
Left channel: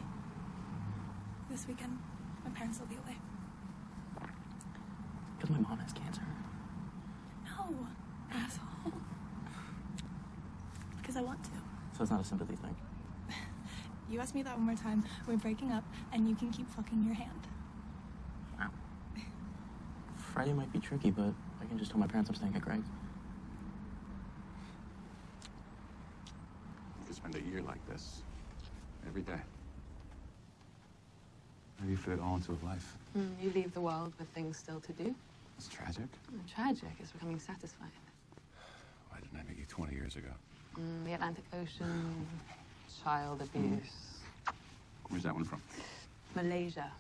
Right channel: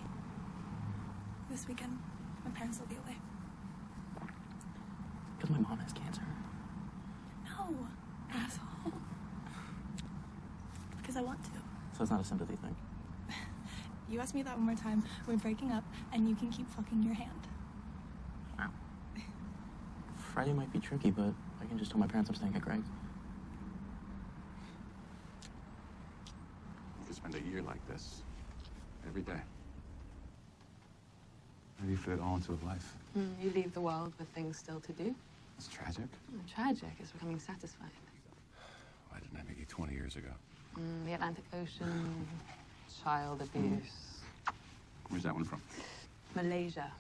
This weekend, my parents will be away. Because my mom has cancer. No, asshole. Because I want to. So it's not a sympathy thing. You ask me that one more time. We're breaking up, and you can keep fucking your hand. Friday might be tricky, but I can just tell my parents I'm staying at Greg's. I could spend a year like this. Every day. Maybe fit on to life. You leave the world with things still to do. It's tragic. Tragic is becoming satisfying. Why didn't I meet you 20 years ago? The Atlantic Ocean, child abuse. Where's that one from? Malaysia.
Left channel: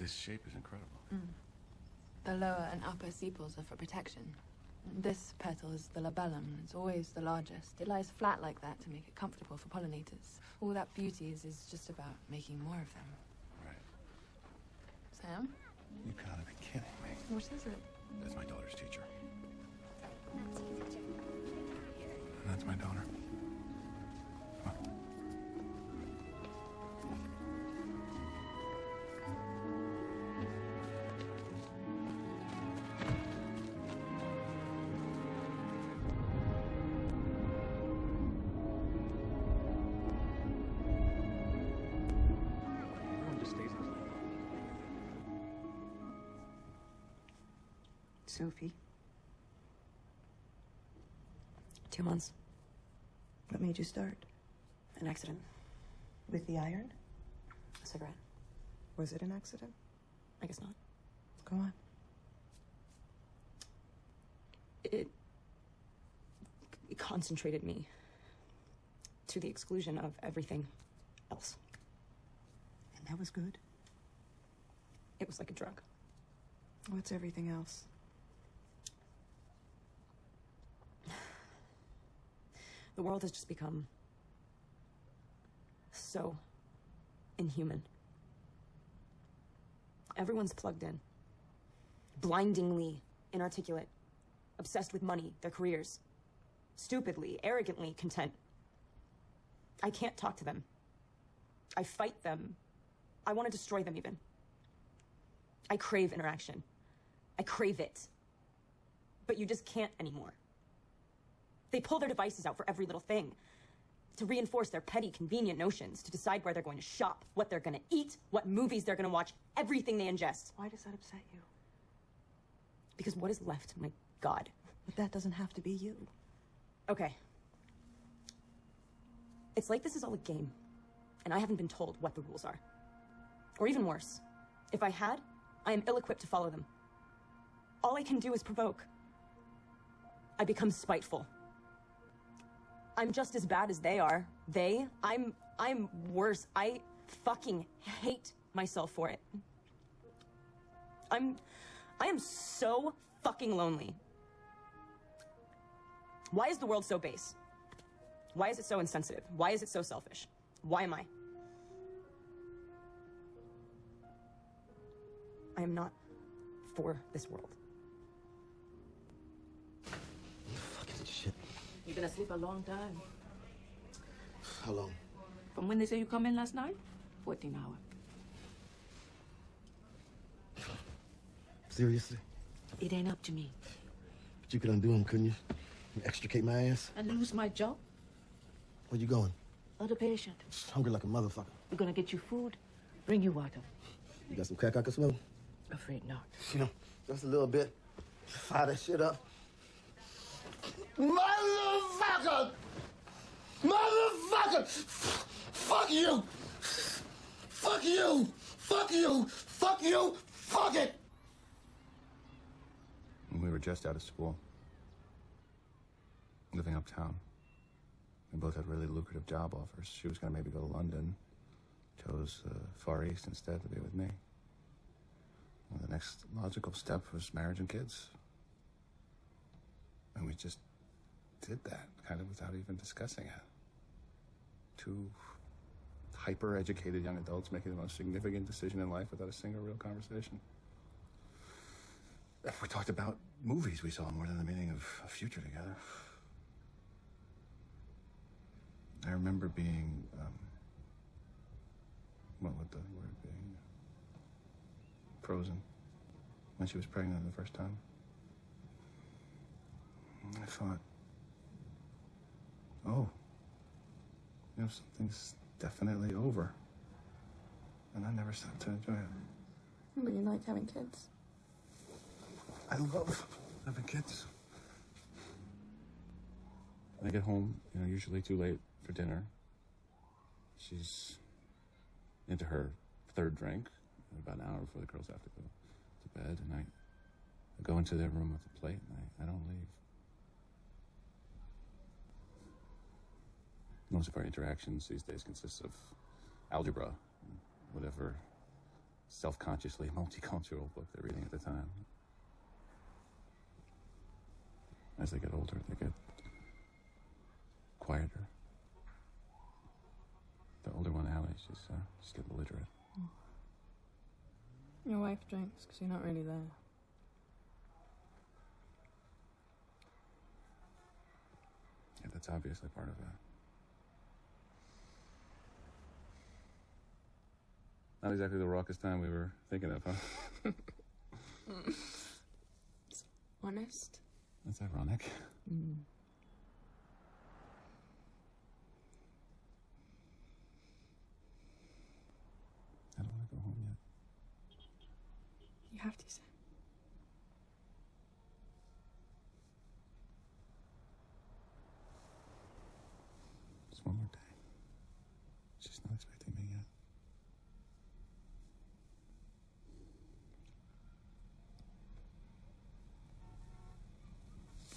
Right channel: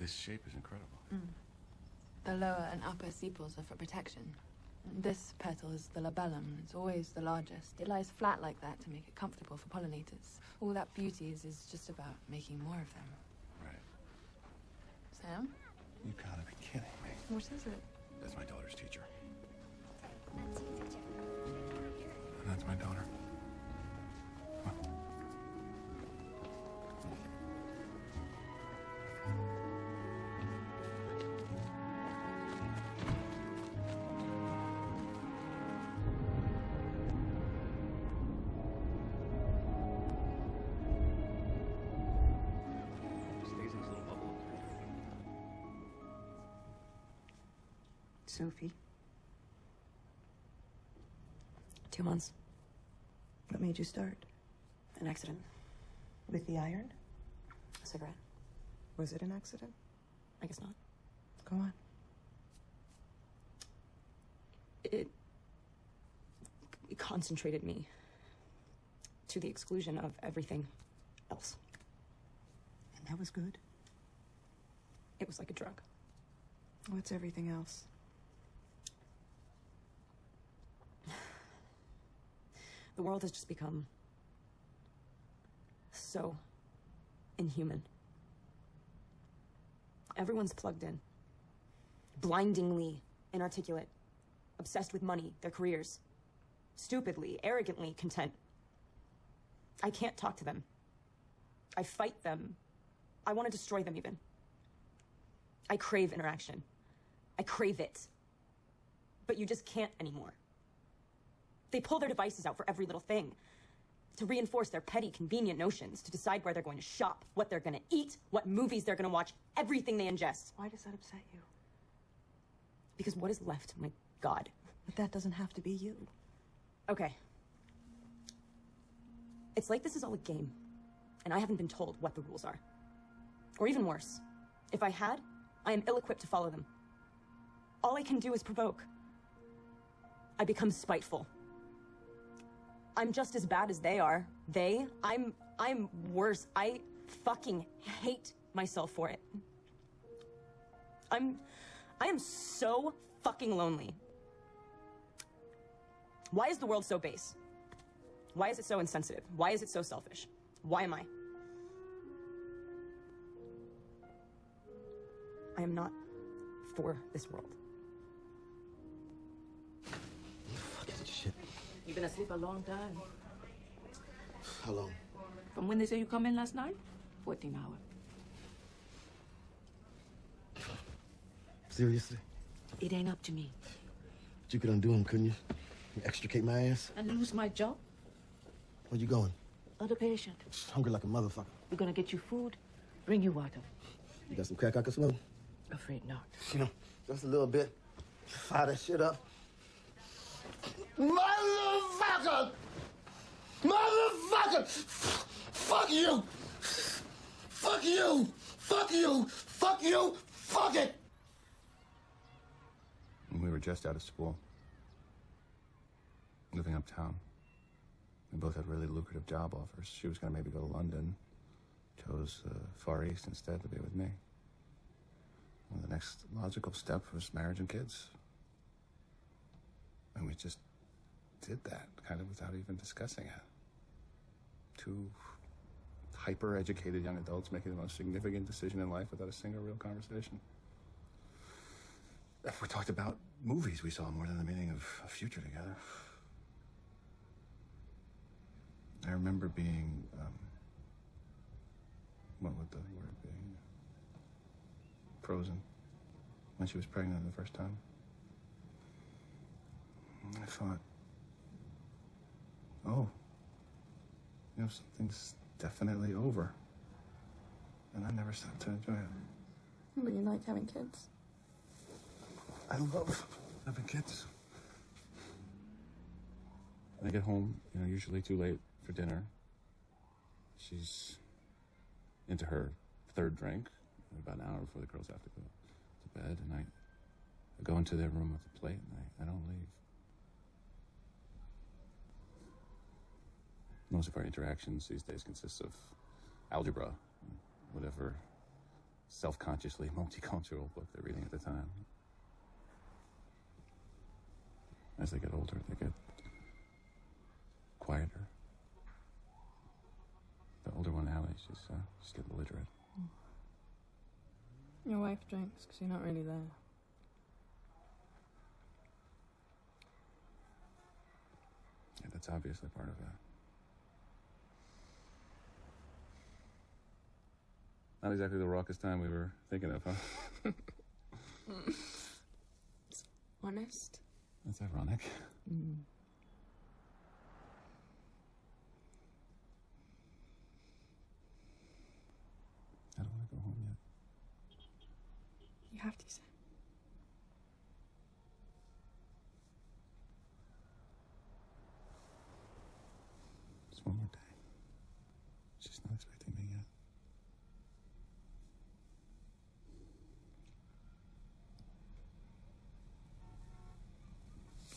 This shape is incredible. The lower and upper sepals are for protection. This petal is the labellum. It's always the largest. It lies flat like that to make it comfortable for pollinators. All that beauty is just about making more of them. Sam? You gotta be kidding me. Who says it? That's my daughter's teacher. That's my daughter. Sophie. 2 months. What made you start? An accident. With the iron? A cigarette. Was it an accident? I guess not. Go on. It concentrated me to the exclusion of everything else. And that was good? It was like a drug. What's everything else? The world has just become so inhuman. Everyone's plugged in. Blindingly inarticulate. Obsessed with money, their careers. Stupidly, arrogantly content. I can't talk to them. I fight them. I want to destroy them even. I crave interaction. I crave it. But you just can't anymore. They pull their devices out for every little thing. To reinforce their petty, convenient notions. To decide where they're going to shop, what they're going to eat, what movies they're going to watch, everything they ingest. Why does that upset you? Because what is left, my God? But that doesn't have to be you. Okay. It's like this is all a game, and I haven't been told what the rules are. Or even worse, if I had, I am ill-equipped to follow them. All I can do is provoke. I become spiteful. I'm just as bad as they are. I'm worse. I fucking hate myself for it. I am so fucking lonely. Why is the world so base? Why is it so insensitive? Why is it so selfish? Why am I? I am not for this world. Fucking shit. Been asleep a long time. How long? From when they say you come in last night? 14 hours. Seriously? It ain't up to me. But you could undo them, couldn't you? You extricate my ass? And lose my job? Where you going? Other patient. Hungry like a motherfucker. We're gonna get you food, bring you water. You got some crack I can smoke? Afraid not. You know, just a little bit. Fire this shit up. Motherfucker! Motherfucker! Fuck you! Fuck you! Fuck you! Fuck you! Fuck it! We were just out of school, living uptown. We both had really lucrative job offers. She was going to maybe go to London, chose Far East instead to be with me. Well, the next logical step was marriage and kids. And we just did that, kind of without even discussing it. Two hyper-educated young adults making the most significant decision in life without a single real conversation. If we talked about movies we saw more than the meaning of a future together. I remember being, what the word being, frozen when she was pregnant the first time. And I thought, oh, something's definitely over. And I never stopped to enjoy it. But you like having kids. I love having kids. When I get home, usually too late for dinner. She's into her third drink, about an hour before the girls have to go to bed, and I go into their room with a plate, and I don't leave. Most of our interactions these days consist of algebra, whatever self-consciously multicultural book they're reading at the time. As they get older, they get quieter. The older one, Allie, she's getting belligerent. Your wife drinks because you're not really there. Yeah, that's obviously part of it. Not exactly the raucous time we were thinking of, huh? Honest? That's ironic. I don't want to go home yet. You have to, Sam. Just one more day. She's not expecting me yet.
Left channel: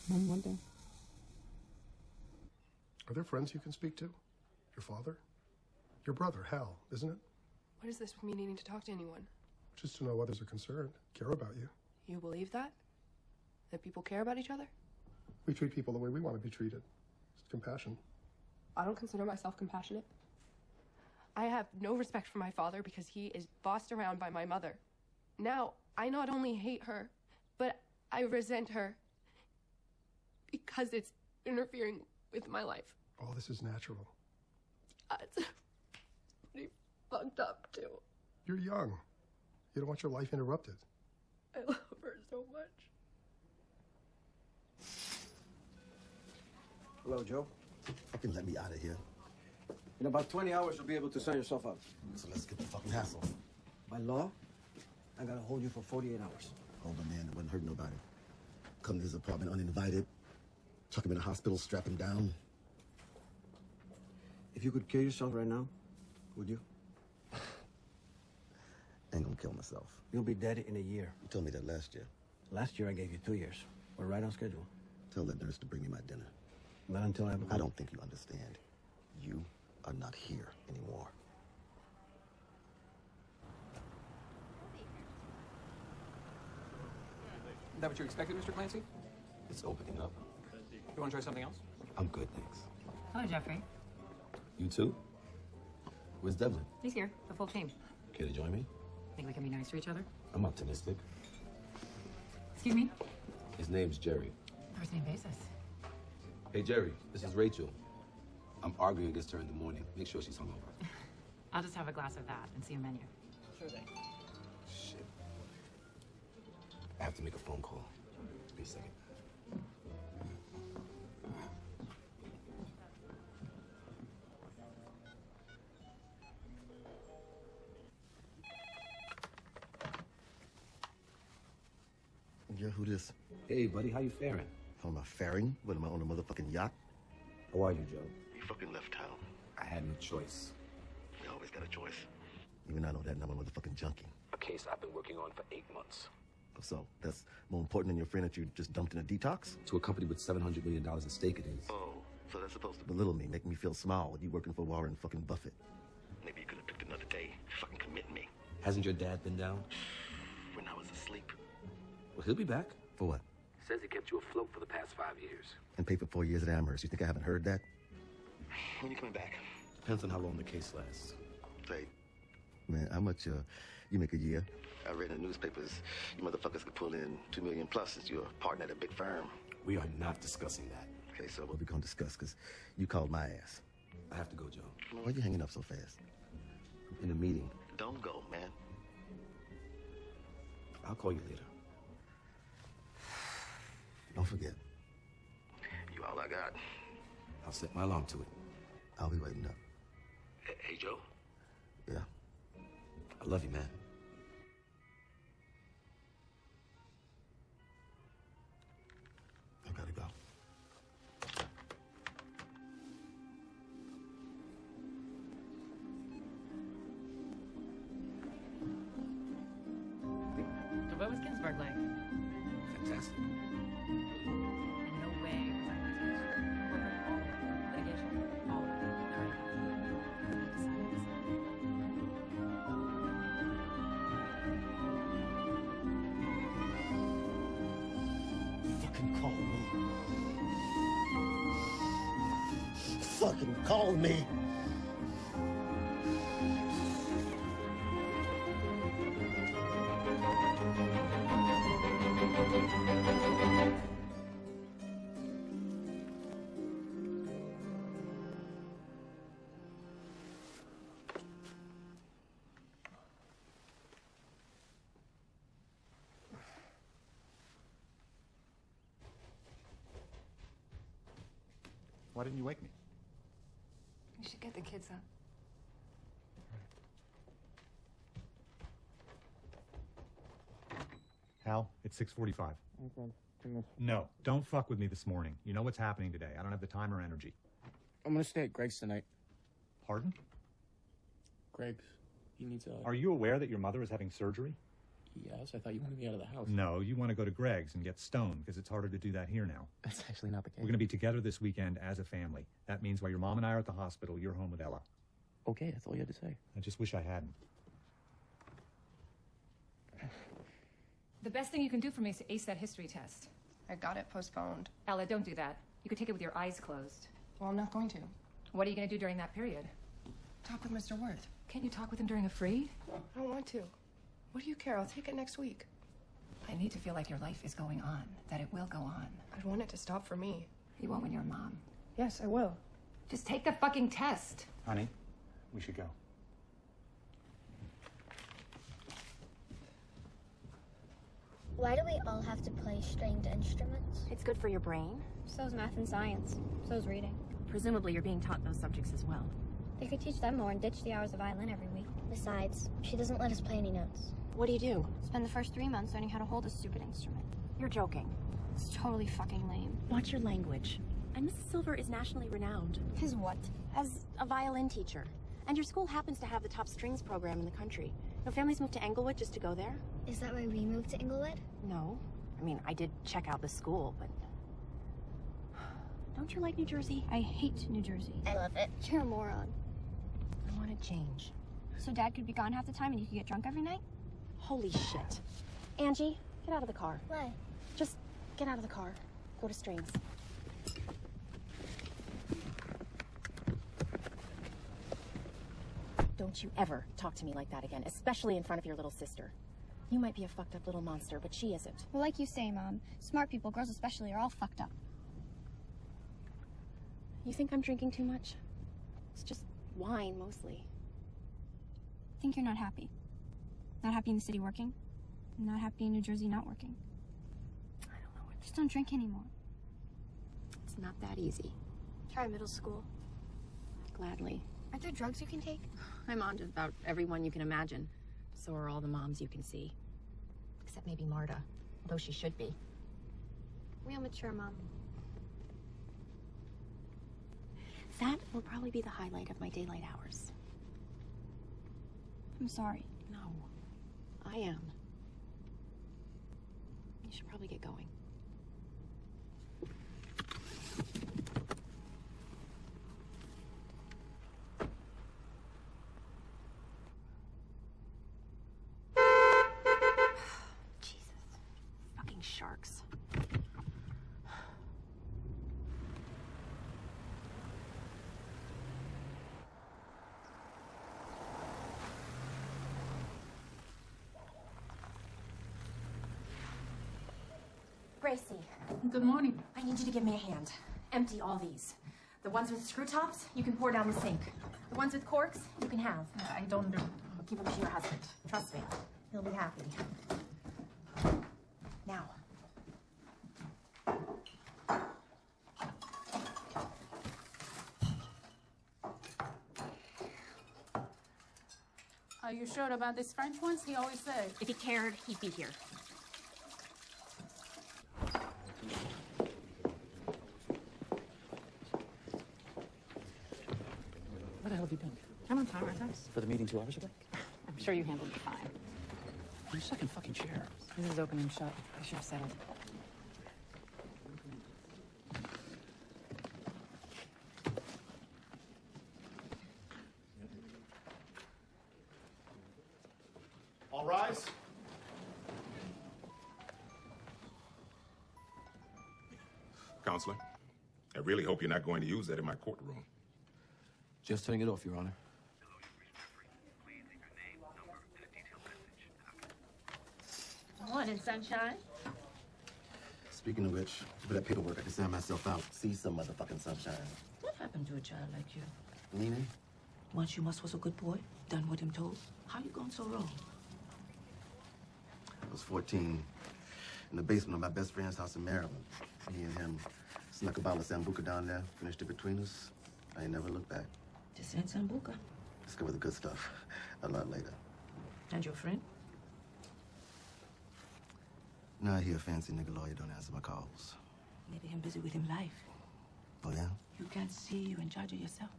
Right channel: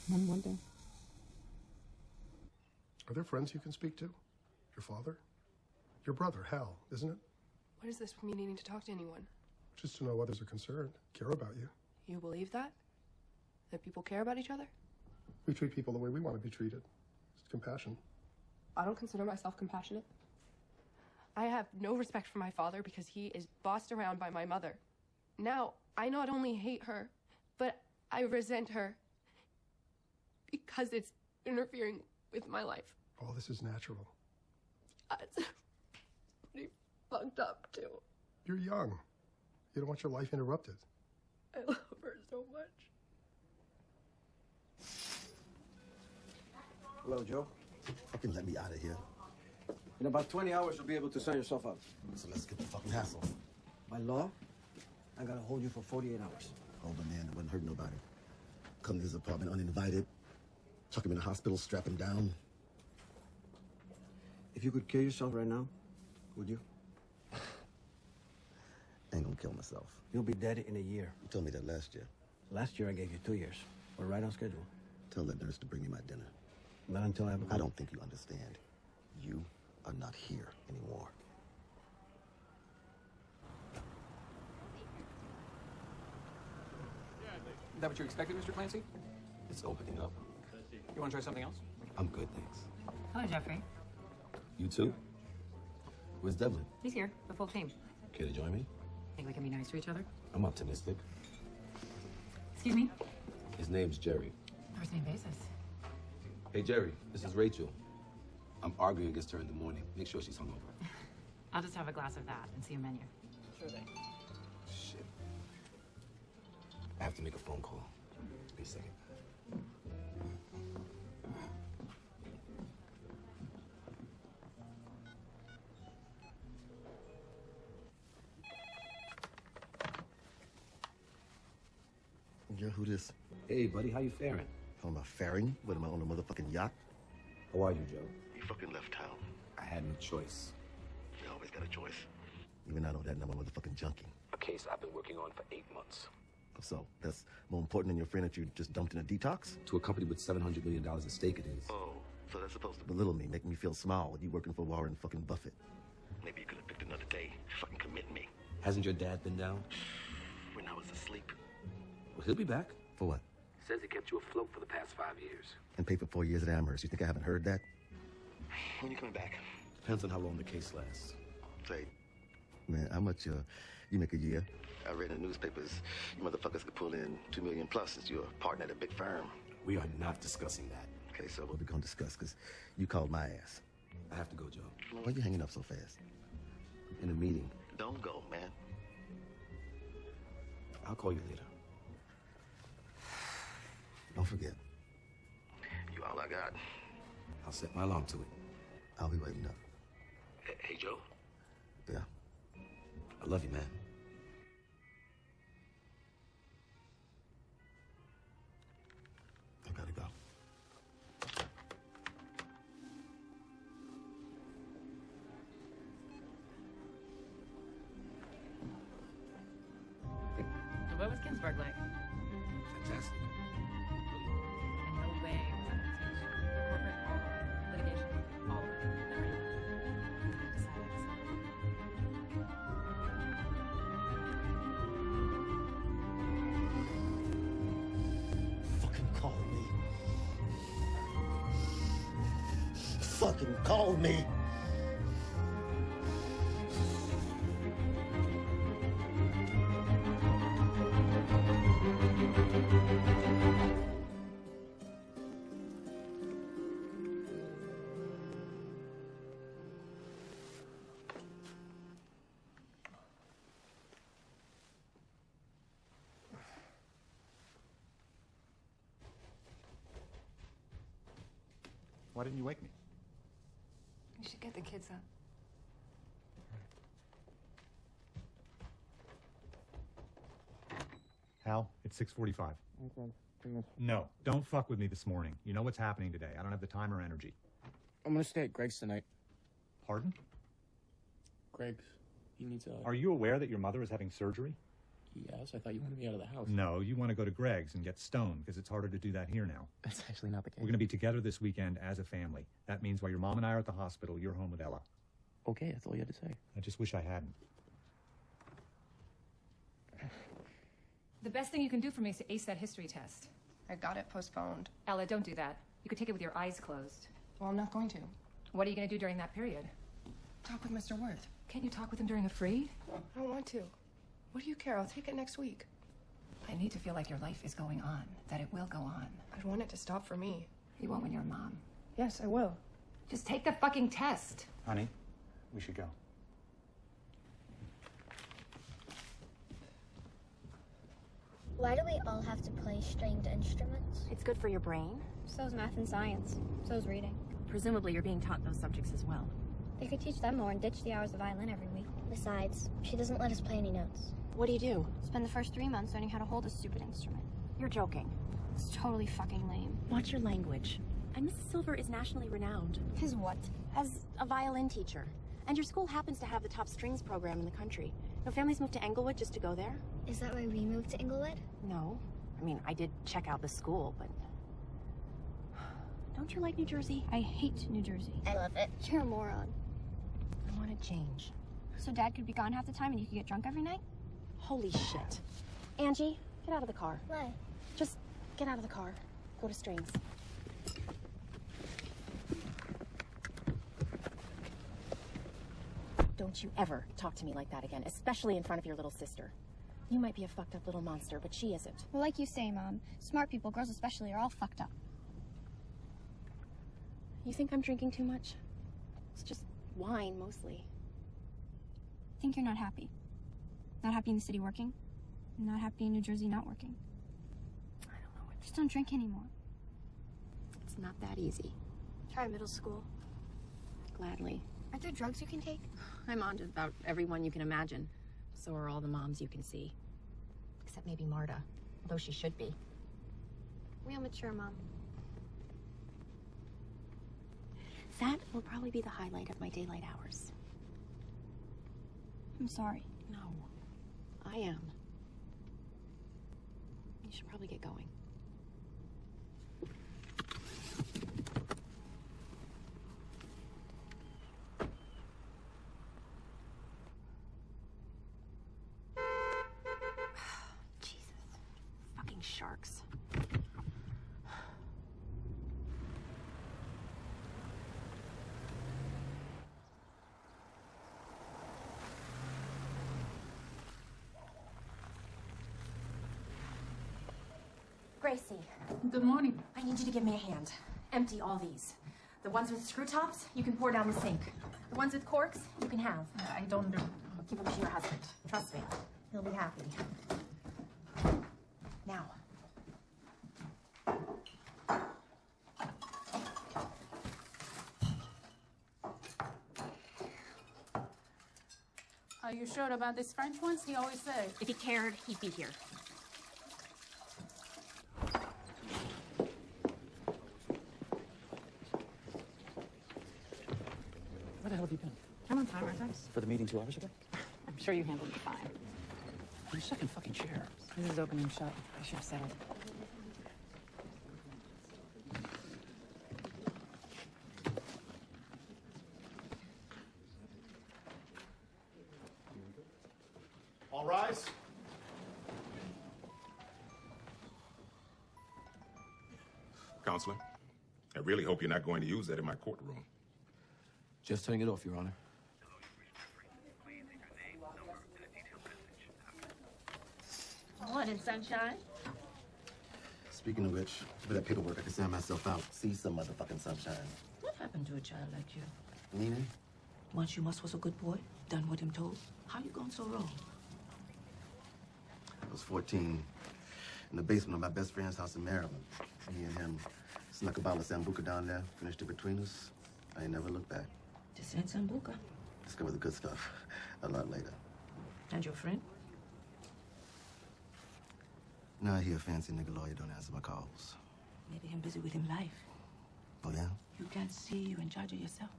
One more day. Are there friends you can speak to? Your father? Your brother, Hal, isn't it? What is this from you needing to talk to anyone? Just to know others are concerned, care about you. You believe that? That people care about each other? We treat people the way we want to be treated. It's compassion. I don't consider myself compassionate. I have no respect for my father because he is bossed around by my mother. Now, I not only hate her, but I resent her because it's interfering with my life. All this is natural. It's pretty fucked up, too. You're young. You don't want your life interrupted. I love her so much. Hello, Joe. Fucking let me out of here. In about 20 hours, you'll be able to sign yourself out. So let's get the fucking hassle. By law, I gotta hold you for 48 hours. Oh, but man, it wouldn't hurt nobody. Come to his apartment uninvited, chuck him in the hospital, strap him down. If you could kill yourself right now, would you? Ain't gonna kill myself. You'll be dead in a year. You told me that last year. Last year I gave you 2 years. We're right on schedule. Tell the nurse to bring me my dinner. Not until I don't think you understand. You are not here anymore. Is that what you expected, Mr. Clancy? Let's open it up. You want to try something else? I'm good, thanks. Hello, Jeffrey. You too? Where's Devlin? He's here, the full team. Care to join me? Think we can be nice to each other? I'm optimistic. Excuse me? His name's Jerry. First name basis. Hey, Jerry, this is Rachel. I'm arguing against her in the morning. Make sure she's hungover. I'll just have a glass of that and see a menu. Shit. I have to make a phone call. Give me a second. Yeah, who this? Hey, buddy, how you faring? How am I faring? What, am I on a motherfucking yacht? How are you, Joe? You fucking left town. I had no choice. You always got a choice. Even I know that, and I'm a motherfucking junkie. A case I've been working on for 8 months. So, that's more important than your friend that you just dumped in a detox? To a company with $700 million at stake it is. Oh, so that's supposed to belittle me, make me feel small with you working for Warren fucking Buffett. Maybe you could have picked another day. Fucking commit me. Hasn't your dad been down? When I was asleep. Well, he'll be back. For what? Says he kept you afloat for the past 5 years. And paid for 4 years at Amherst. You think I haven't heard that? When you coming back? Depends on how long the case lasts. Hey, man, how much you make a year? I read in the newspapers you motherfuckers could pull in $2 million plus as your partner at a big firm. We are not discussing that. Okay, so what we gonna discuss? Because you called my ass. I have to go, Joe. Well, why you hanging up so fast? In a meeting. Don't go, man. I'll call you later. Don't forget. You all I got. I'll set my alarm to it. I'll be waiting up. Hey, Joe. Yeah? I love you, man. I gotta go. What was Ginsburg like? Fantastic. And no way was that corporate litigation. All Fucking call me. Fucking call me. Why didn't you wake me? You should get the kids up. Hal, it's 6:45. No, don't fuck with me this morning. You know what's happening today. I don't have the time or energy. I'm gonna stay at Greg's tonight. Pardon? Greg's. You need to. Are you aware that your mother is having surgery? Yes, I thought you wanted me out of the house. No, you want to go to Greg's and get stoned because it's harder to do that here now. That's actually not the case. We're going to be together this weekend as a family. That means while your mom and I are at the hospital, you're home with Ella. Okay, that's all you had to say. I just wish I hadn't. The best thing you can do for me is to ace that history test. I got it postponed. Ella, don't do that. You could take it with your eyes closed. Well, I'm not going to. What are you going to do during that period? Talk with Mr. Worth. Can you talk with him during a free? I don't want to. What do you care? I'll take it next week. I need to feel like your life is going on, that it will go on. I'd want it to stop for me. You won't when you're a mom. Yes, I will. Just take the fucking test. Honey, we should go. Why do we all have to play stringed instruments? It's good for your brain. So's math and science. So's reading. Presumably you're being taught those subjects as well. You could teach them more and ditch the hours of violin every week. Besides, she doesn't let us play any notes. What do you do? Spend the first 3 months learning how to hold a stupid instrument. You're joking. It's totally fucking lame. Watch your language. And Mrs. Silver is nationally renowned. His what? As a violin teacher. And your school happens to have the top strings program in the country. And families move to Englewood just to go there? Is that why we moved to Inglewood? No. I mean, I did check out the school, but... Don't you like New Jersey? I hate New Jersey. I love it. You're a moron. I want to change. So Dad could be gone half the time and you could get drunk every night? Holy shit. Auntie, get out of the car. Why? Just get out of the car. Go to strings. Don't you ever talk to me like that again, especially in front of your little sister. You might be a fucked up little monster, but she isn't. Well, like you say, Mom, smart people, girls especially, are all fucked up. You think I'm drinking too much? It's just wine, mostly. I think you're not happy. Not happy in the city working. Not happy in New Jersey not working. I don't know. Just don't drink anymore. It's not that easy. Try middle school. Gladly. Are there drugs you can take? I'm on to about everyone you can imagine. So are all the moms you can see. Except maybe Marta, though she should be. Real mature, Mom. That will probably be the highlight of my daylight hours. I'm sorry. No, I am. You should probably get going. Jesus. Fucking sharks. Gracie, Good morning. I need you to give me a hand. Empty all these. The ones with screw tops, you can pour down the sink. The ones with corks, you can have. I don't know. Give them to your husband. Trust me. He'll be happy. Now. Are you sure about this French ones? He always said. If he cared, he'd be here. What the hell have you done? I'm on time, right? For the meeting 2 hours ago? I'm sure you handled it fine. You suck your fucking chair. This is open and shut. I should have said it. All rise. Counselor, I really hope you're not going to use that in my courtroom. Just turning it off, Your Honor. Morning, sunshine. Speaking of which, for that paperwork, I can sign myself out. See some motherfucking sunshine. What happened to a child like you? Mm-hmm. Once you was a good boy, done what him told. How you gone so wrong? I was 14, in the basement of my best friend's house in Maryland. Me and him snuck a bottle of Sambuca down there, finished it between us. I ain't never looked back. Just had Sambuca. Discovered the good stuff a lot later. And your friend? Now I hear a fancy nigga lawyer don't answer my calls. Maybe him busy with him life. Oh, yeah? You can't see you in charge of yourself.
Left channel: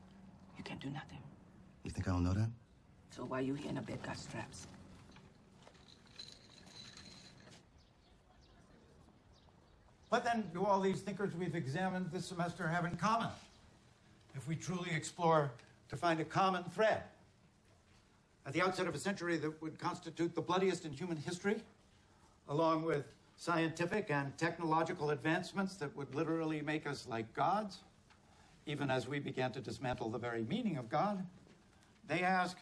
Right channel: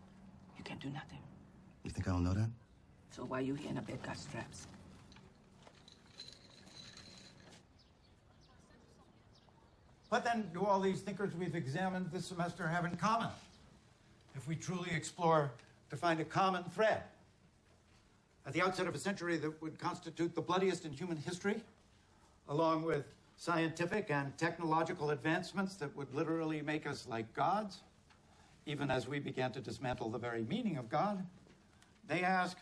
You can't do nothing. You think I don't know that? So why you here in a bed got straps? What then do all these thinkers we've examined this semester have in common? If we truly explore to find a common thread. At the outset of a century that would constitute the bloodiest in human history, along with scientific and technological advancements that would literally make us like gods, even as we began to dismantle the very meaning of God, they ask,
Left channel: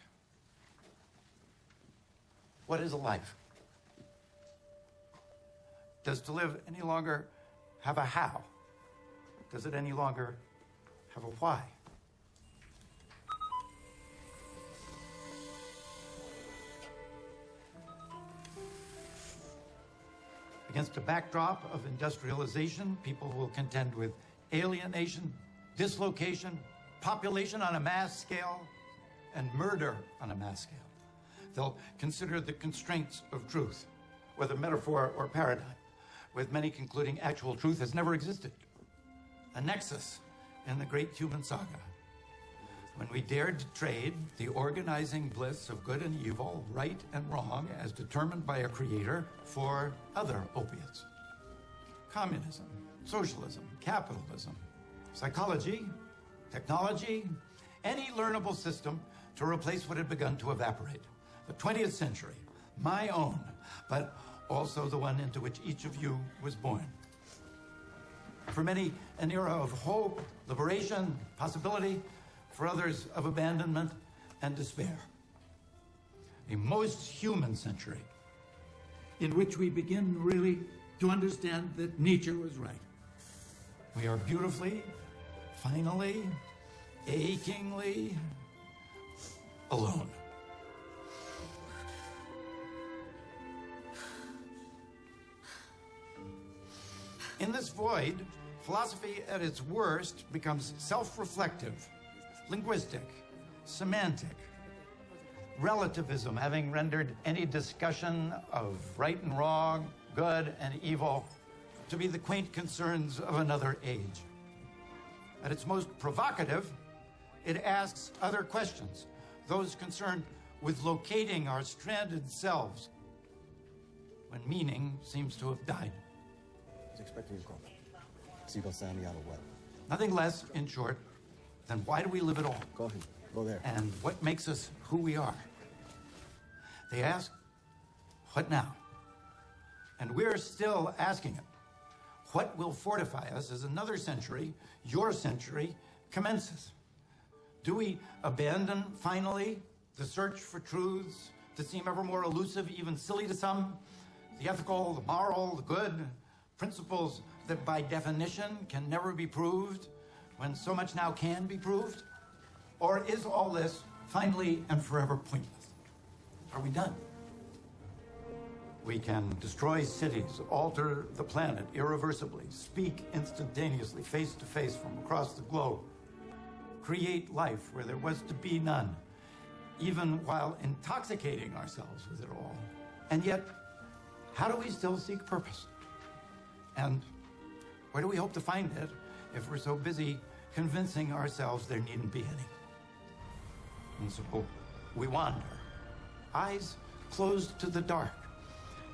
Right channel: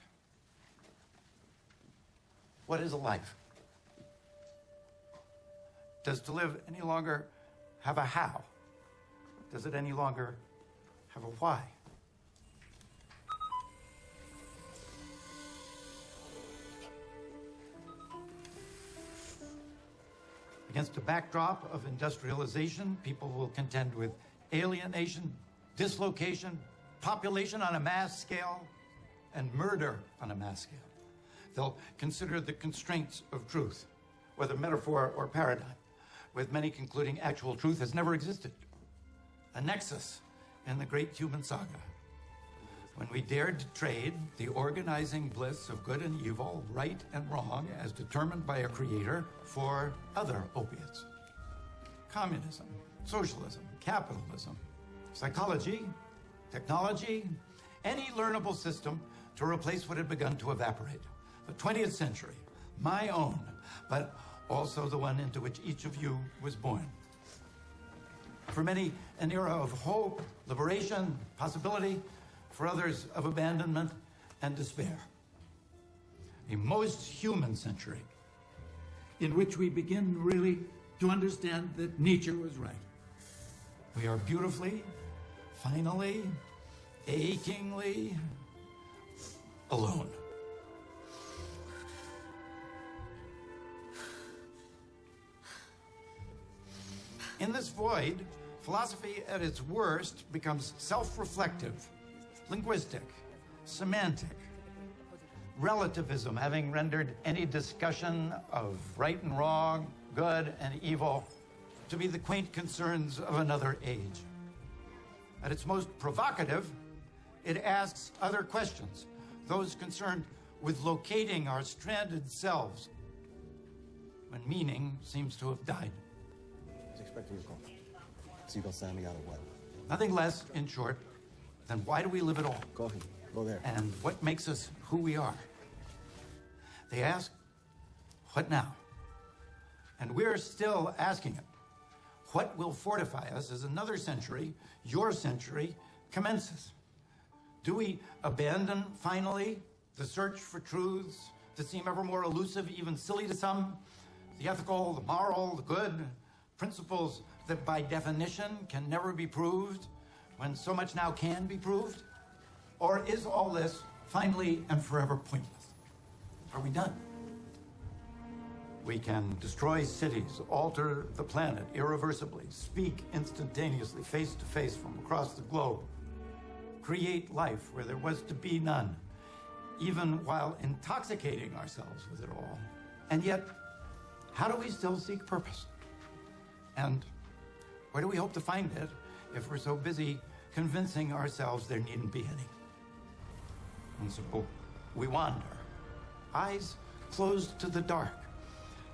what is life? Does to live any longer have a how? Does it any longer have a why? Against a backdrop of industrialization, people will contend with alienation, dislocation, population on a mass scale, and murder on a mass scale. They'll consider the constraints of truth, whether metaphor or paradigm, with many concluding actual truth has never existed. A nexus in the great human saga. When we dared to trade the organizing bliss of good and evil, right and wrong, as determined by a creator, for other opiates. Communism, socialism, capitalism, psychology, technology, any learnable system to replace what had begun to evaporate. The 20th century, my own, but also the one into which each of you was born. For many, an era of hope, liberation, possibility. For others, of abandonment and despair. A most human century in which we begin really to understand that nature was right. We are beautifully, finally, achingly alone. In this void, philosophy at its worst becomes self-reflective, linguistic, semantic, relativism having rendered any discussion of right and wrong, good and evil, to be the quaint concerns of another age. At its most provocative, it asks other questions, those concerned with locating our stranded selves, when meaning seems to have died. I was expecting your call. So you gonna sign me out of what? Nothing less, in short, than why do we live at all? Go ahead. Go there. And what makes us who we are? They ask, what now? And we're still asking it. What will fortify us as another century, your century, commences? Do we abandon, finally, the search for truths that seem ever more elusive, even silly to some? The ethical, the moral, the good, principles that by definition can never be proved, when so much now can be proved? Or is all this finally and forever pointless? Are we done? We can destroy cities, alter the planet irreversibly, speak instantaneously, face to face from across the globe, create life where there was to be none, even while intoxicating ourselves with it all. And yet, how do we still seek purpose? And where do we hope to find it if we're so busy convincing ourselves there needn't be any? And so we wander, eyes closed to the dark,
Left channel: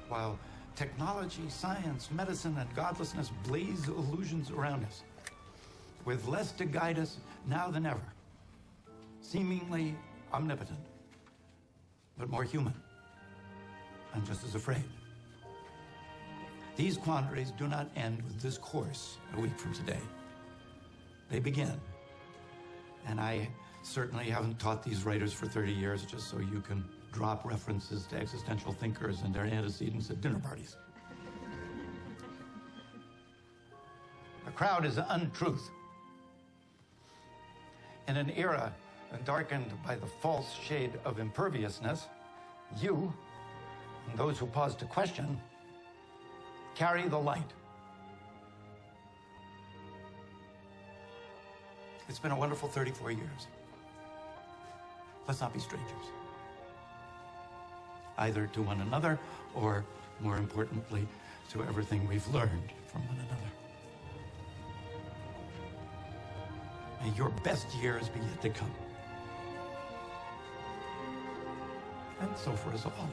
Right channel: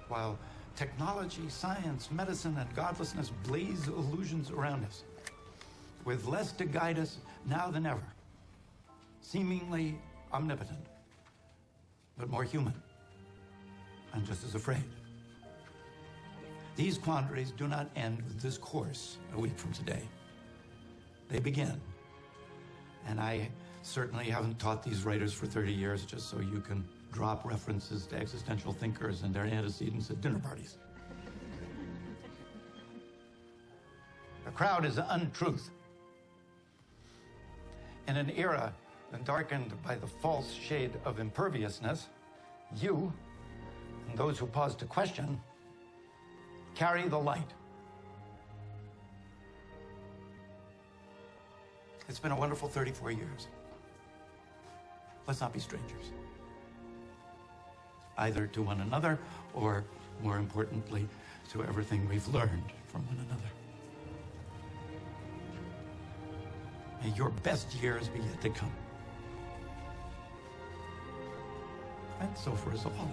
while technology, science, medicine, and godlessness blaze illusions around us, with less to guide us now than ever, seemingly omnipotent, but more human, and just as afraid. These quandaries do not end with this course a week from today. They begin. And I certainly haven't taught these writers for 30 years just so you can drop references to existential thinkers and their antecedents at dinner parties. The crowd is untruth. In an era darkened by the false shade of imperviousness, you, and those who pause to question, carry the light. It's been a wonderful 34 years. Let's not be strangers. Either to one another, or, more importantly, to everything we've learned from one another. May your best years be yet to come. And so for us all.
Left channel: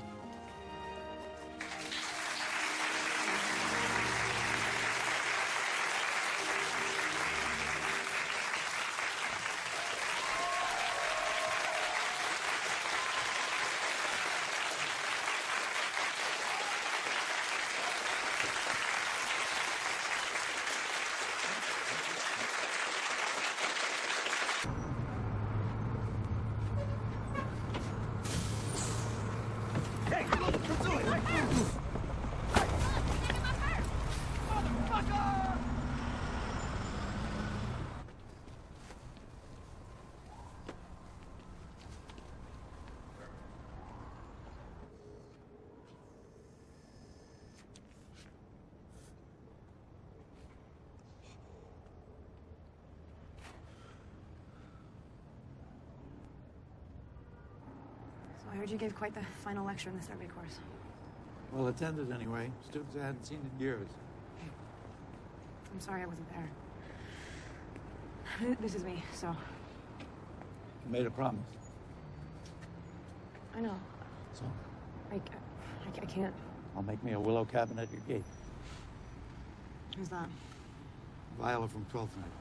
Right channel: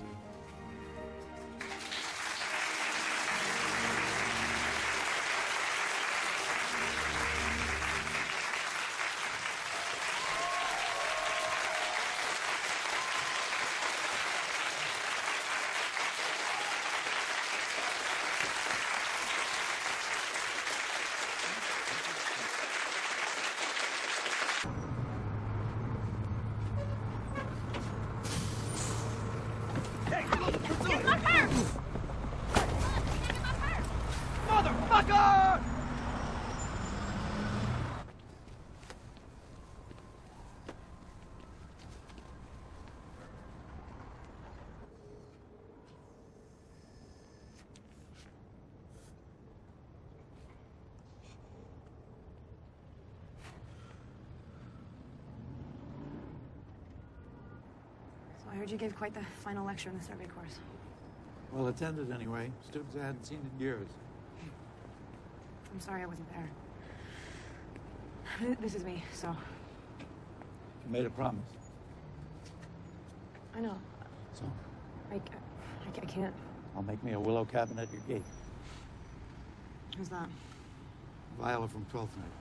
I heard you gave quite the final lecture in the survey course. Well, attended anyway. Students I hadn't seen in years. I'm sorry I wasn't there. This is me, so. You made a promise. I know. So, I can't. I'll make me a willow cabin at your gate. Who's that? Lila from 12th night.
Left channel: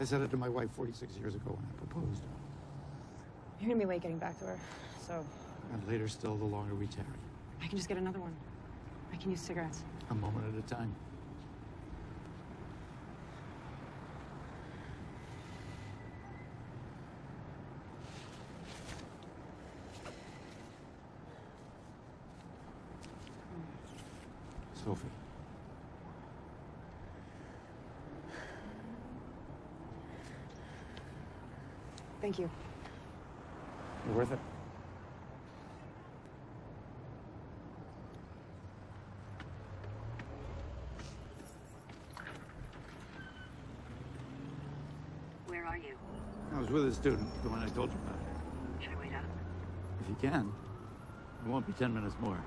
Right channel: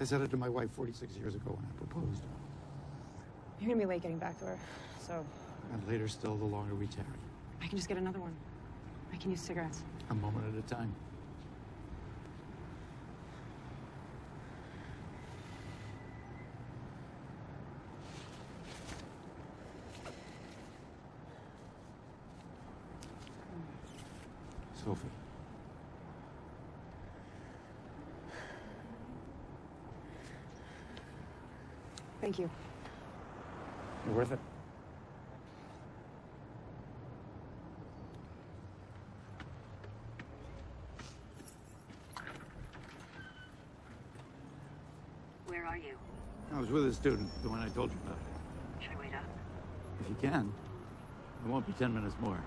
I said it to my wife 46 years ago when I proposed. You're gonna be late getting back to her, so. And later still, the longer we tarry. I can just get another one. I can use cigarettes. A moment at a time. Sophie. Thank you. You're worth it. Where are you? I was with a student, the one I told you about. Should I wait up? If you can, it won't be 10 minutes more.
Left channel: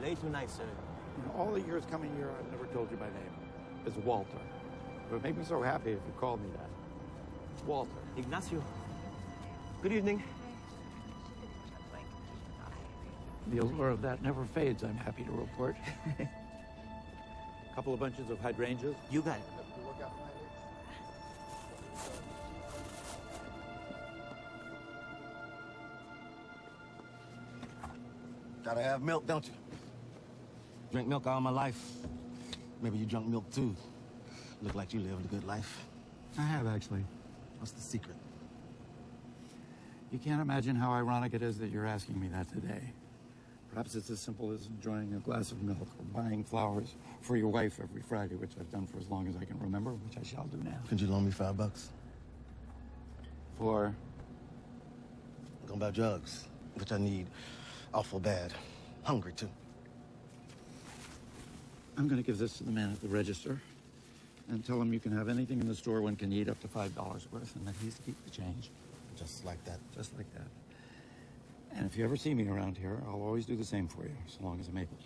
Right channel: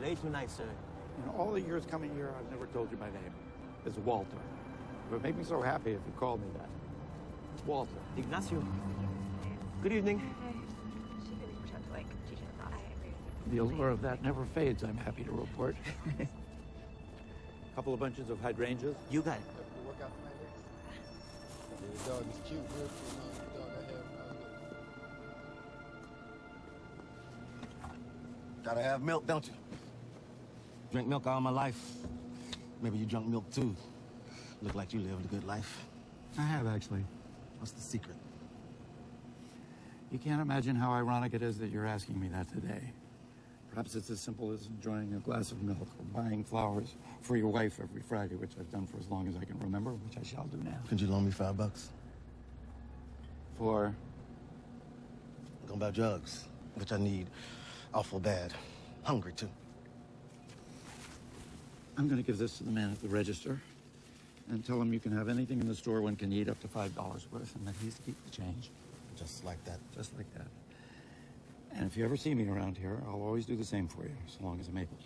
You're late tonight, sir. All the years coming here, I've never told you my name. It's Walter. It would make me so happy if you called me that. Walter. Ignacio. Good evening. The allure of that never fades, I'm happy to report. A couple of bunches of hydrangeas. You got it. Gotta have milk, don't you? Drink milk all my life. Maybe you drunk milk too. Look like you lived a good life. I have, actually. What's the secret? You can't imagine how ironic it is that you're asking me that today. Perhaps it's as simple as enjoying a glass of milk or buying flowers for your wife every Friday, which I've done for as long as I can remember, which I shall do now. Could you loan me $5? For? Go buy drugs, which I need awful bad. Hungry, too. I'm going to give this to the man at the register and tell him you can have anything in the store one can eat up to $5 worth, and that he's to keep the change. Just like that? Just like that. And if you ever see me around here, I'll always do the same for you, as long as I'm able.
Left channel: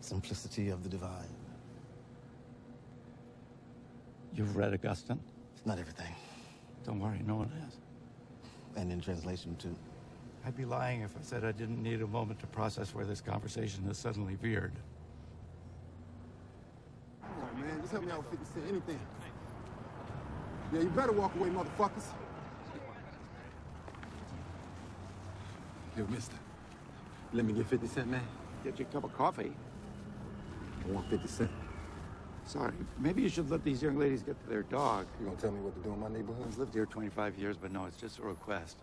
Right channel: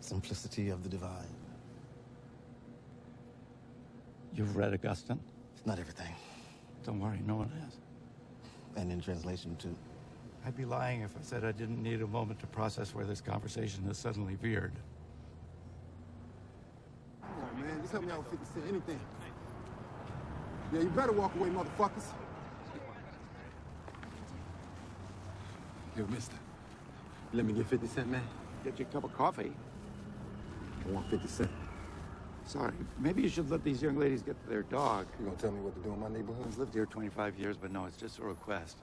Simplicity of the divine. You've read Augustine? Not everything. Don't worry, no one has. And in translation, too. I'd be lying if I said I didn't need a moment to process where this conversation has suddenly veered. Come on, man. Just help me out with 50 cents, anything. Yeah, you better walk away, motherfuckers. Hey, mister. Let me get 50 cents, man. Get you a cup of coffee. I want 50 cents. Sorry, maybe you should let these young ladies get to their dog. You gonna tell me what to do in my neighborhood? I've lived here 25 years, but no, it's just a request.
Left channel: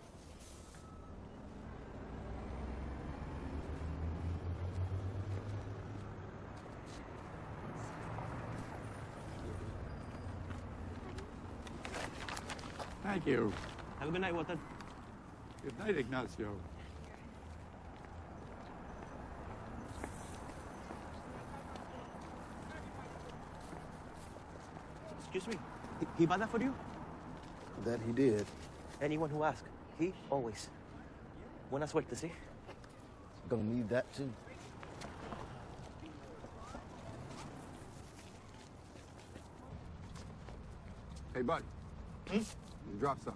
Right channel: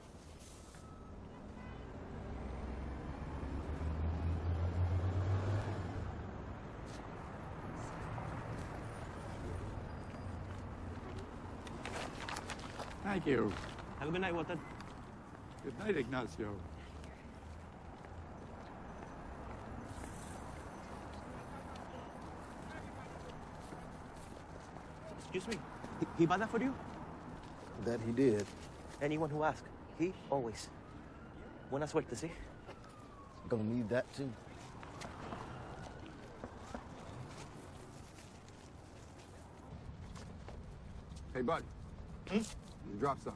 Thank you. Have a good night, Walter. Good night, Ignacio. Excuse me. Did he buy that for you? That he did. Anyone who asks, he always. Buena suerte, ¿sí? Gonna need that, too. Hey, bud. Drop some.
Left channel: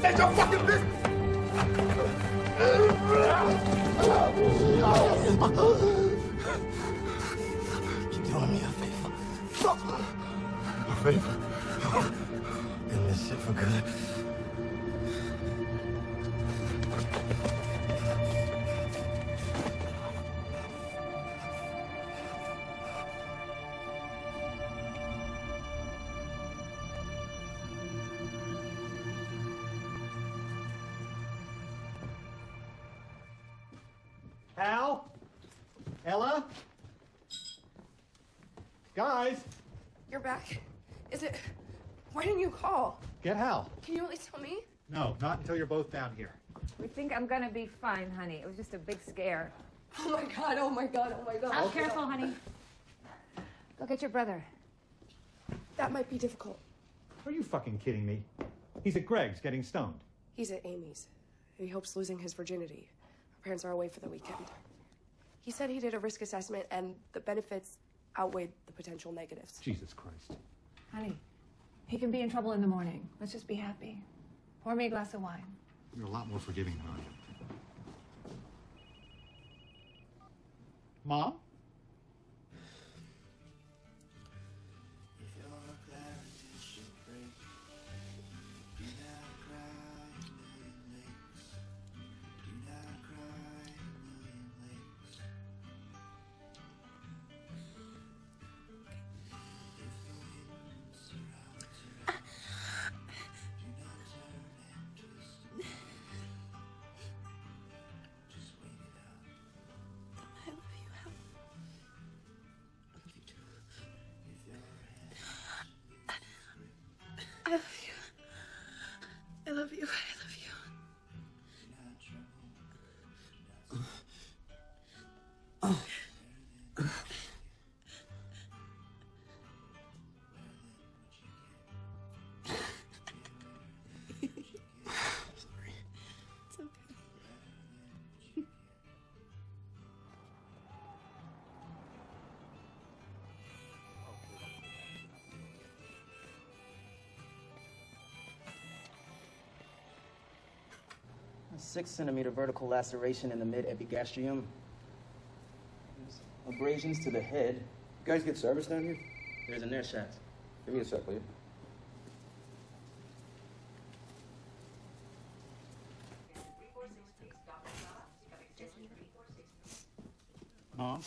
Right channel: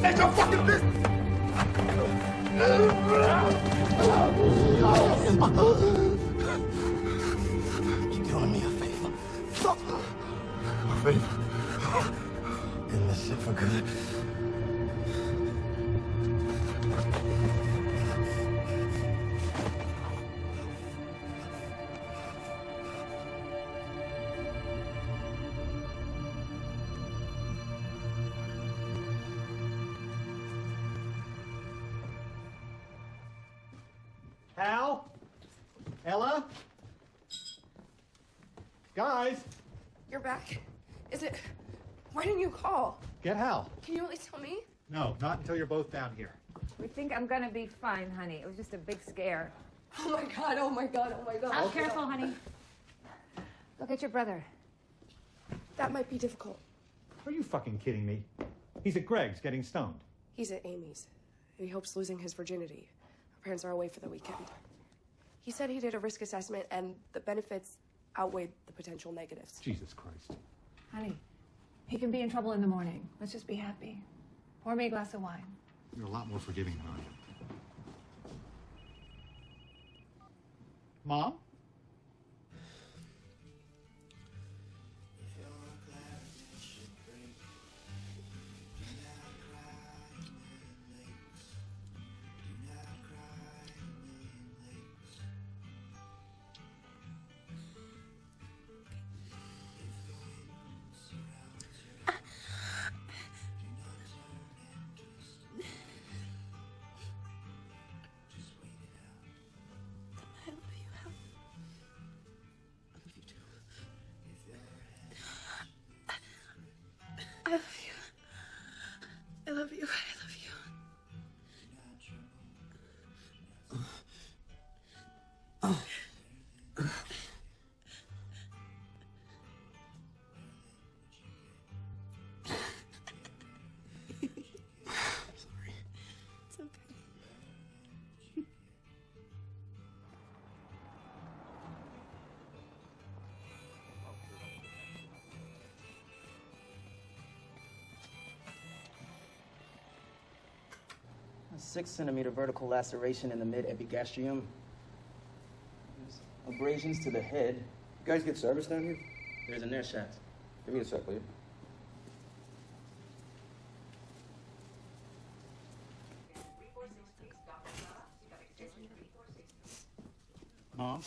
Take your fucking business! You're doing me a favor. A favor? End this shit for good. Hal? Ella? Guys? You're back. Is it... Why didn't you call? Get Hal. Can you at least tell me? No, not until you're both down here. We think I'm gonna be fine, honey. It was just a big scare. Oh my god, oh my god, oh my god. Careful, honey. Go get your brother. That might be difficult. Are you fucking kidding me? He's at Greg's getting stoned. He's at Amy's. He hopes losing his virginity. Her parents are away for the weekend. He said he did a risk assessment and the benefits outweighed the potential negatives. Jesus Christ. Honey, he can be in trouble in the morning. Let's just be happy. Pour me a glass of wine. You're a lot more forgiving than I am. Mom? I love you. Oh. It's okay. A 6-centimeter vertical laceration in the mid-epigastrium. There's abrasions to the head. You guys get service down here? There's an air shaft. Give me a sec, will you? Mom?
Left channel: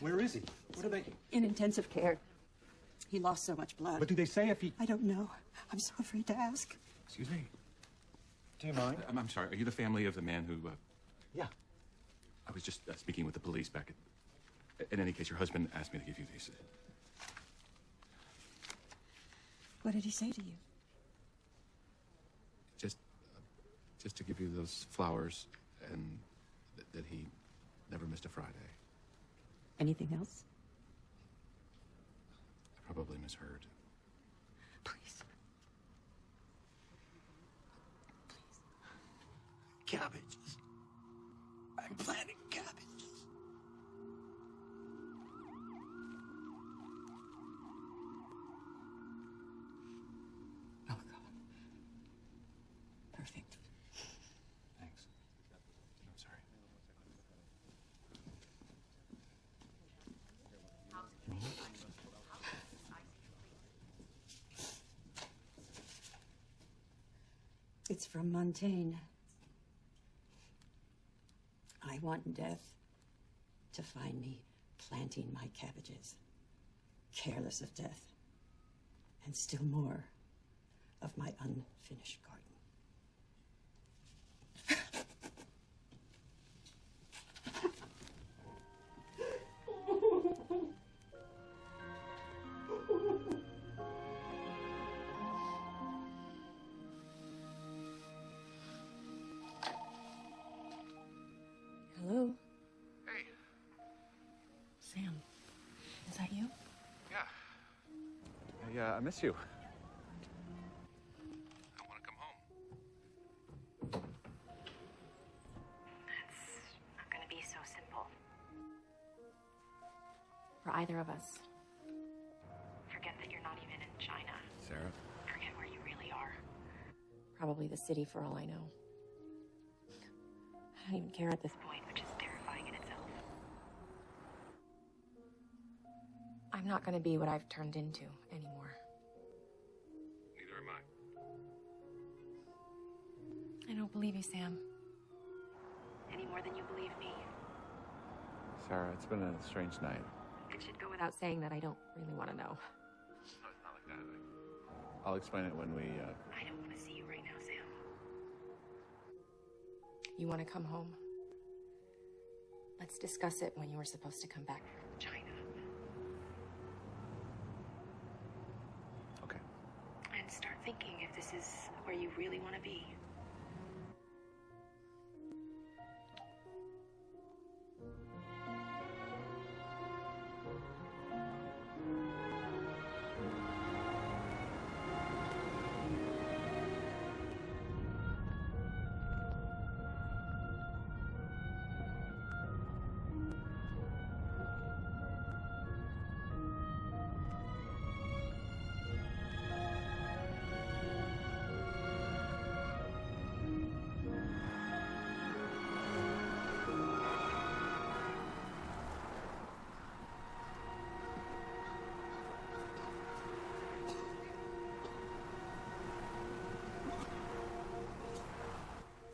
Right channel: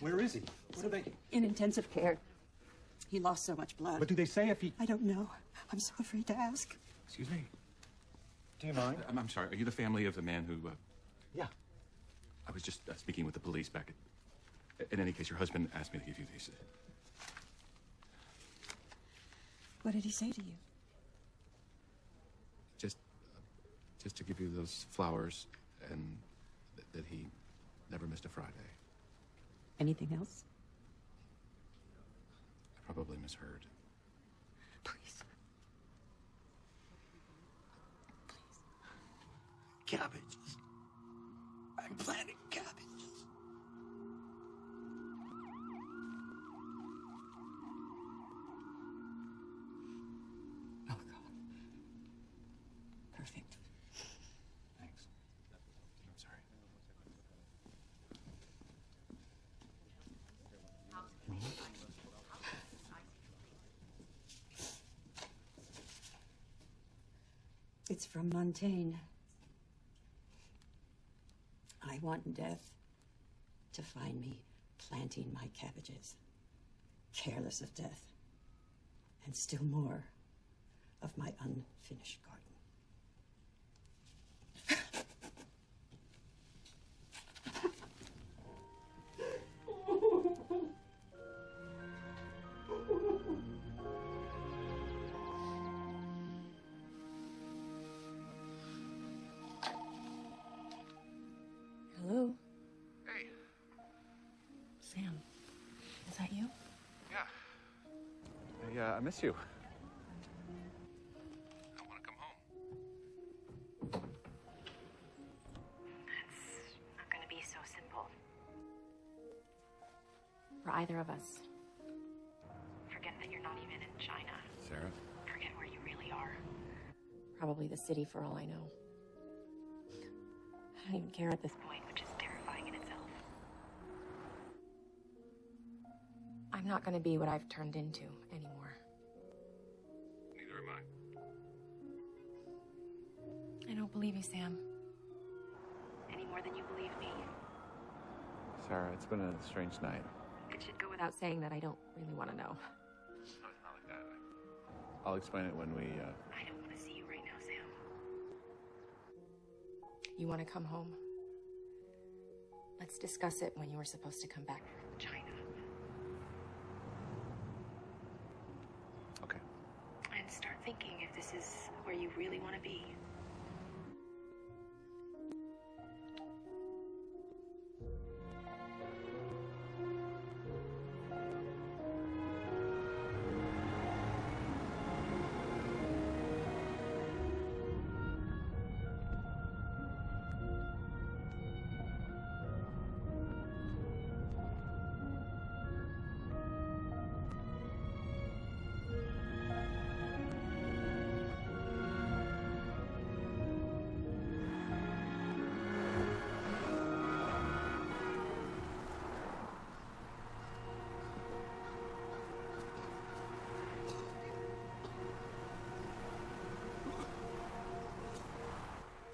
Where is he? What are they... In intensive care. He lost so much blood. What do they say if he... I don't know. I'm so afraid to ask. Excuse me. Do you mind? I'm sorry. Are you the family of the man who... Yeah. I was just speaking with the police back in any case, your husband asked me to give you these. What did he say to you? Just to give you those flowers and that he never missed a Friday. Anything else? I probably misheard. Please. Cabbages. I'm planting cabbages. Oh, God. Perfect. Thanks. I'm sorry. It's from Montaigne. I want death to find me planting my cabbages, careless of death, and still more of my unfinished garden. Hello? Hey. Sam, is that you? Yeah. I miss you. It's not gonna be so simple. For either of us. Forget that you're not even in China. Sarah? Forget where you really are. Probably the city for all I know. I don't even care at this point, which is terrifying in itself. I'm not gonna be what I've turned into anymore. Neither am I. I don't believe you, Sam. Any more than you believe me. Sarah, it's been a strange night. It should go without saying that I don't really want to know. I'll explain it when we, I don't want to see you right now, Sam. You want to come home? Let's discuss it when you were supposed to come back from China. Okay. And start thinking if this is where you really want to be.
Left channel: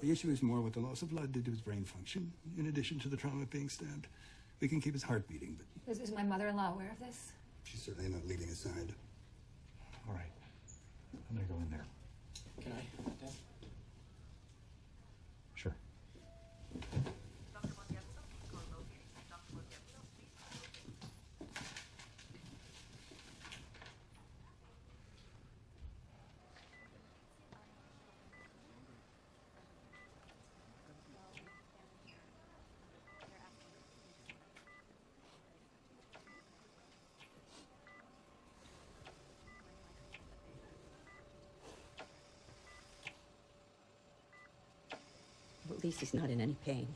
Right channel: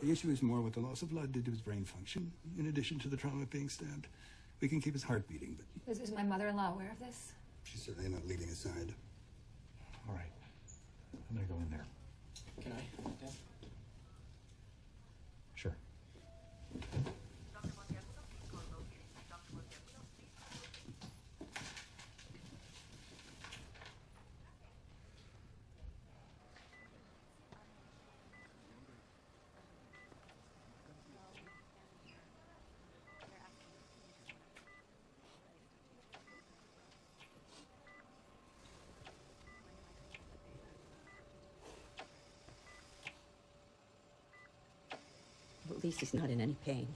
The issue is more what the loss of blood did to his brain function, in addition to the trauma of being stabbed. They can keep his heart beating, but Is my mother-in-law aware of this? she's certainly not leaving his side. All right. I'm gonna go in there. Can I, Dad? Sure. At least he's not in any pain.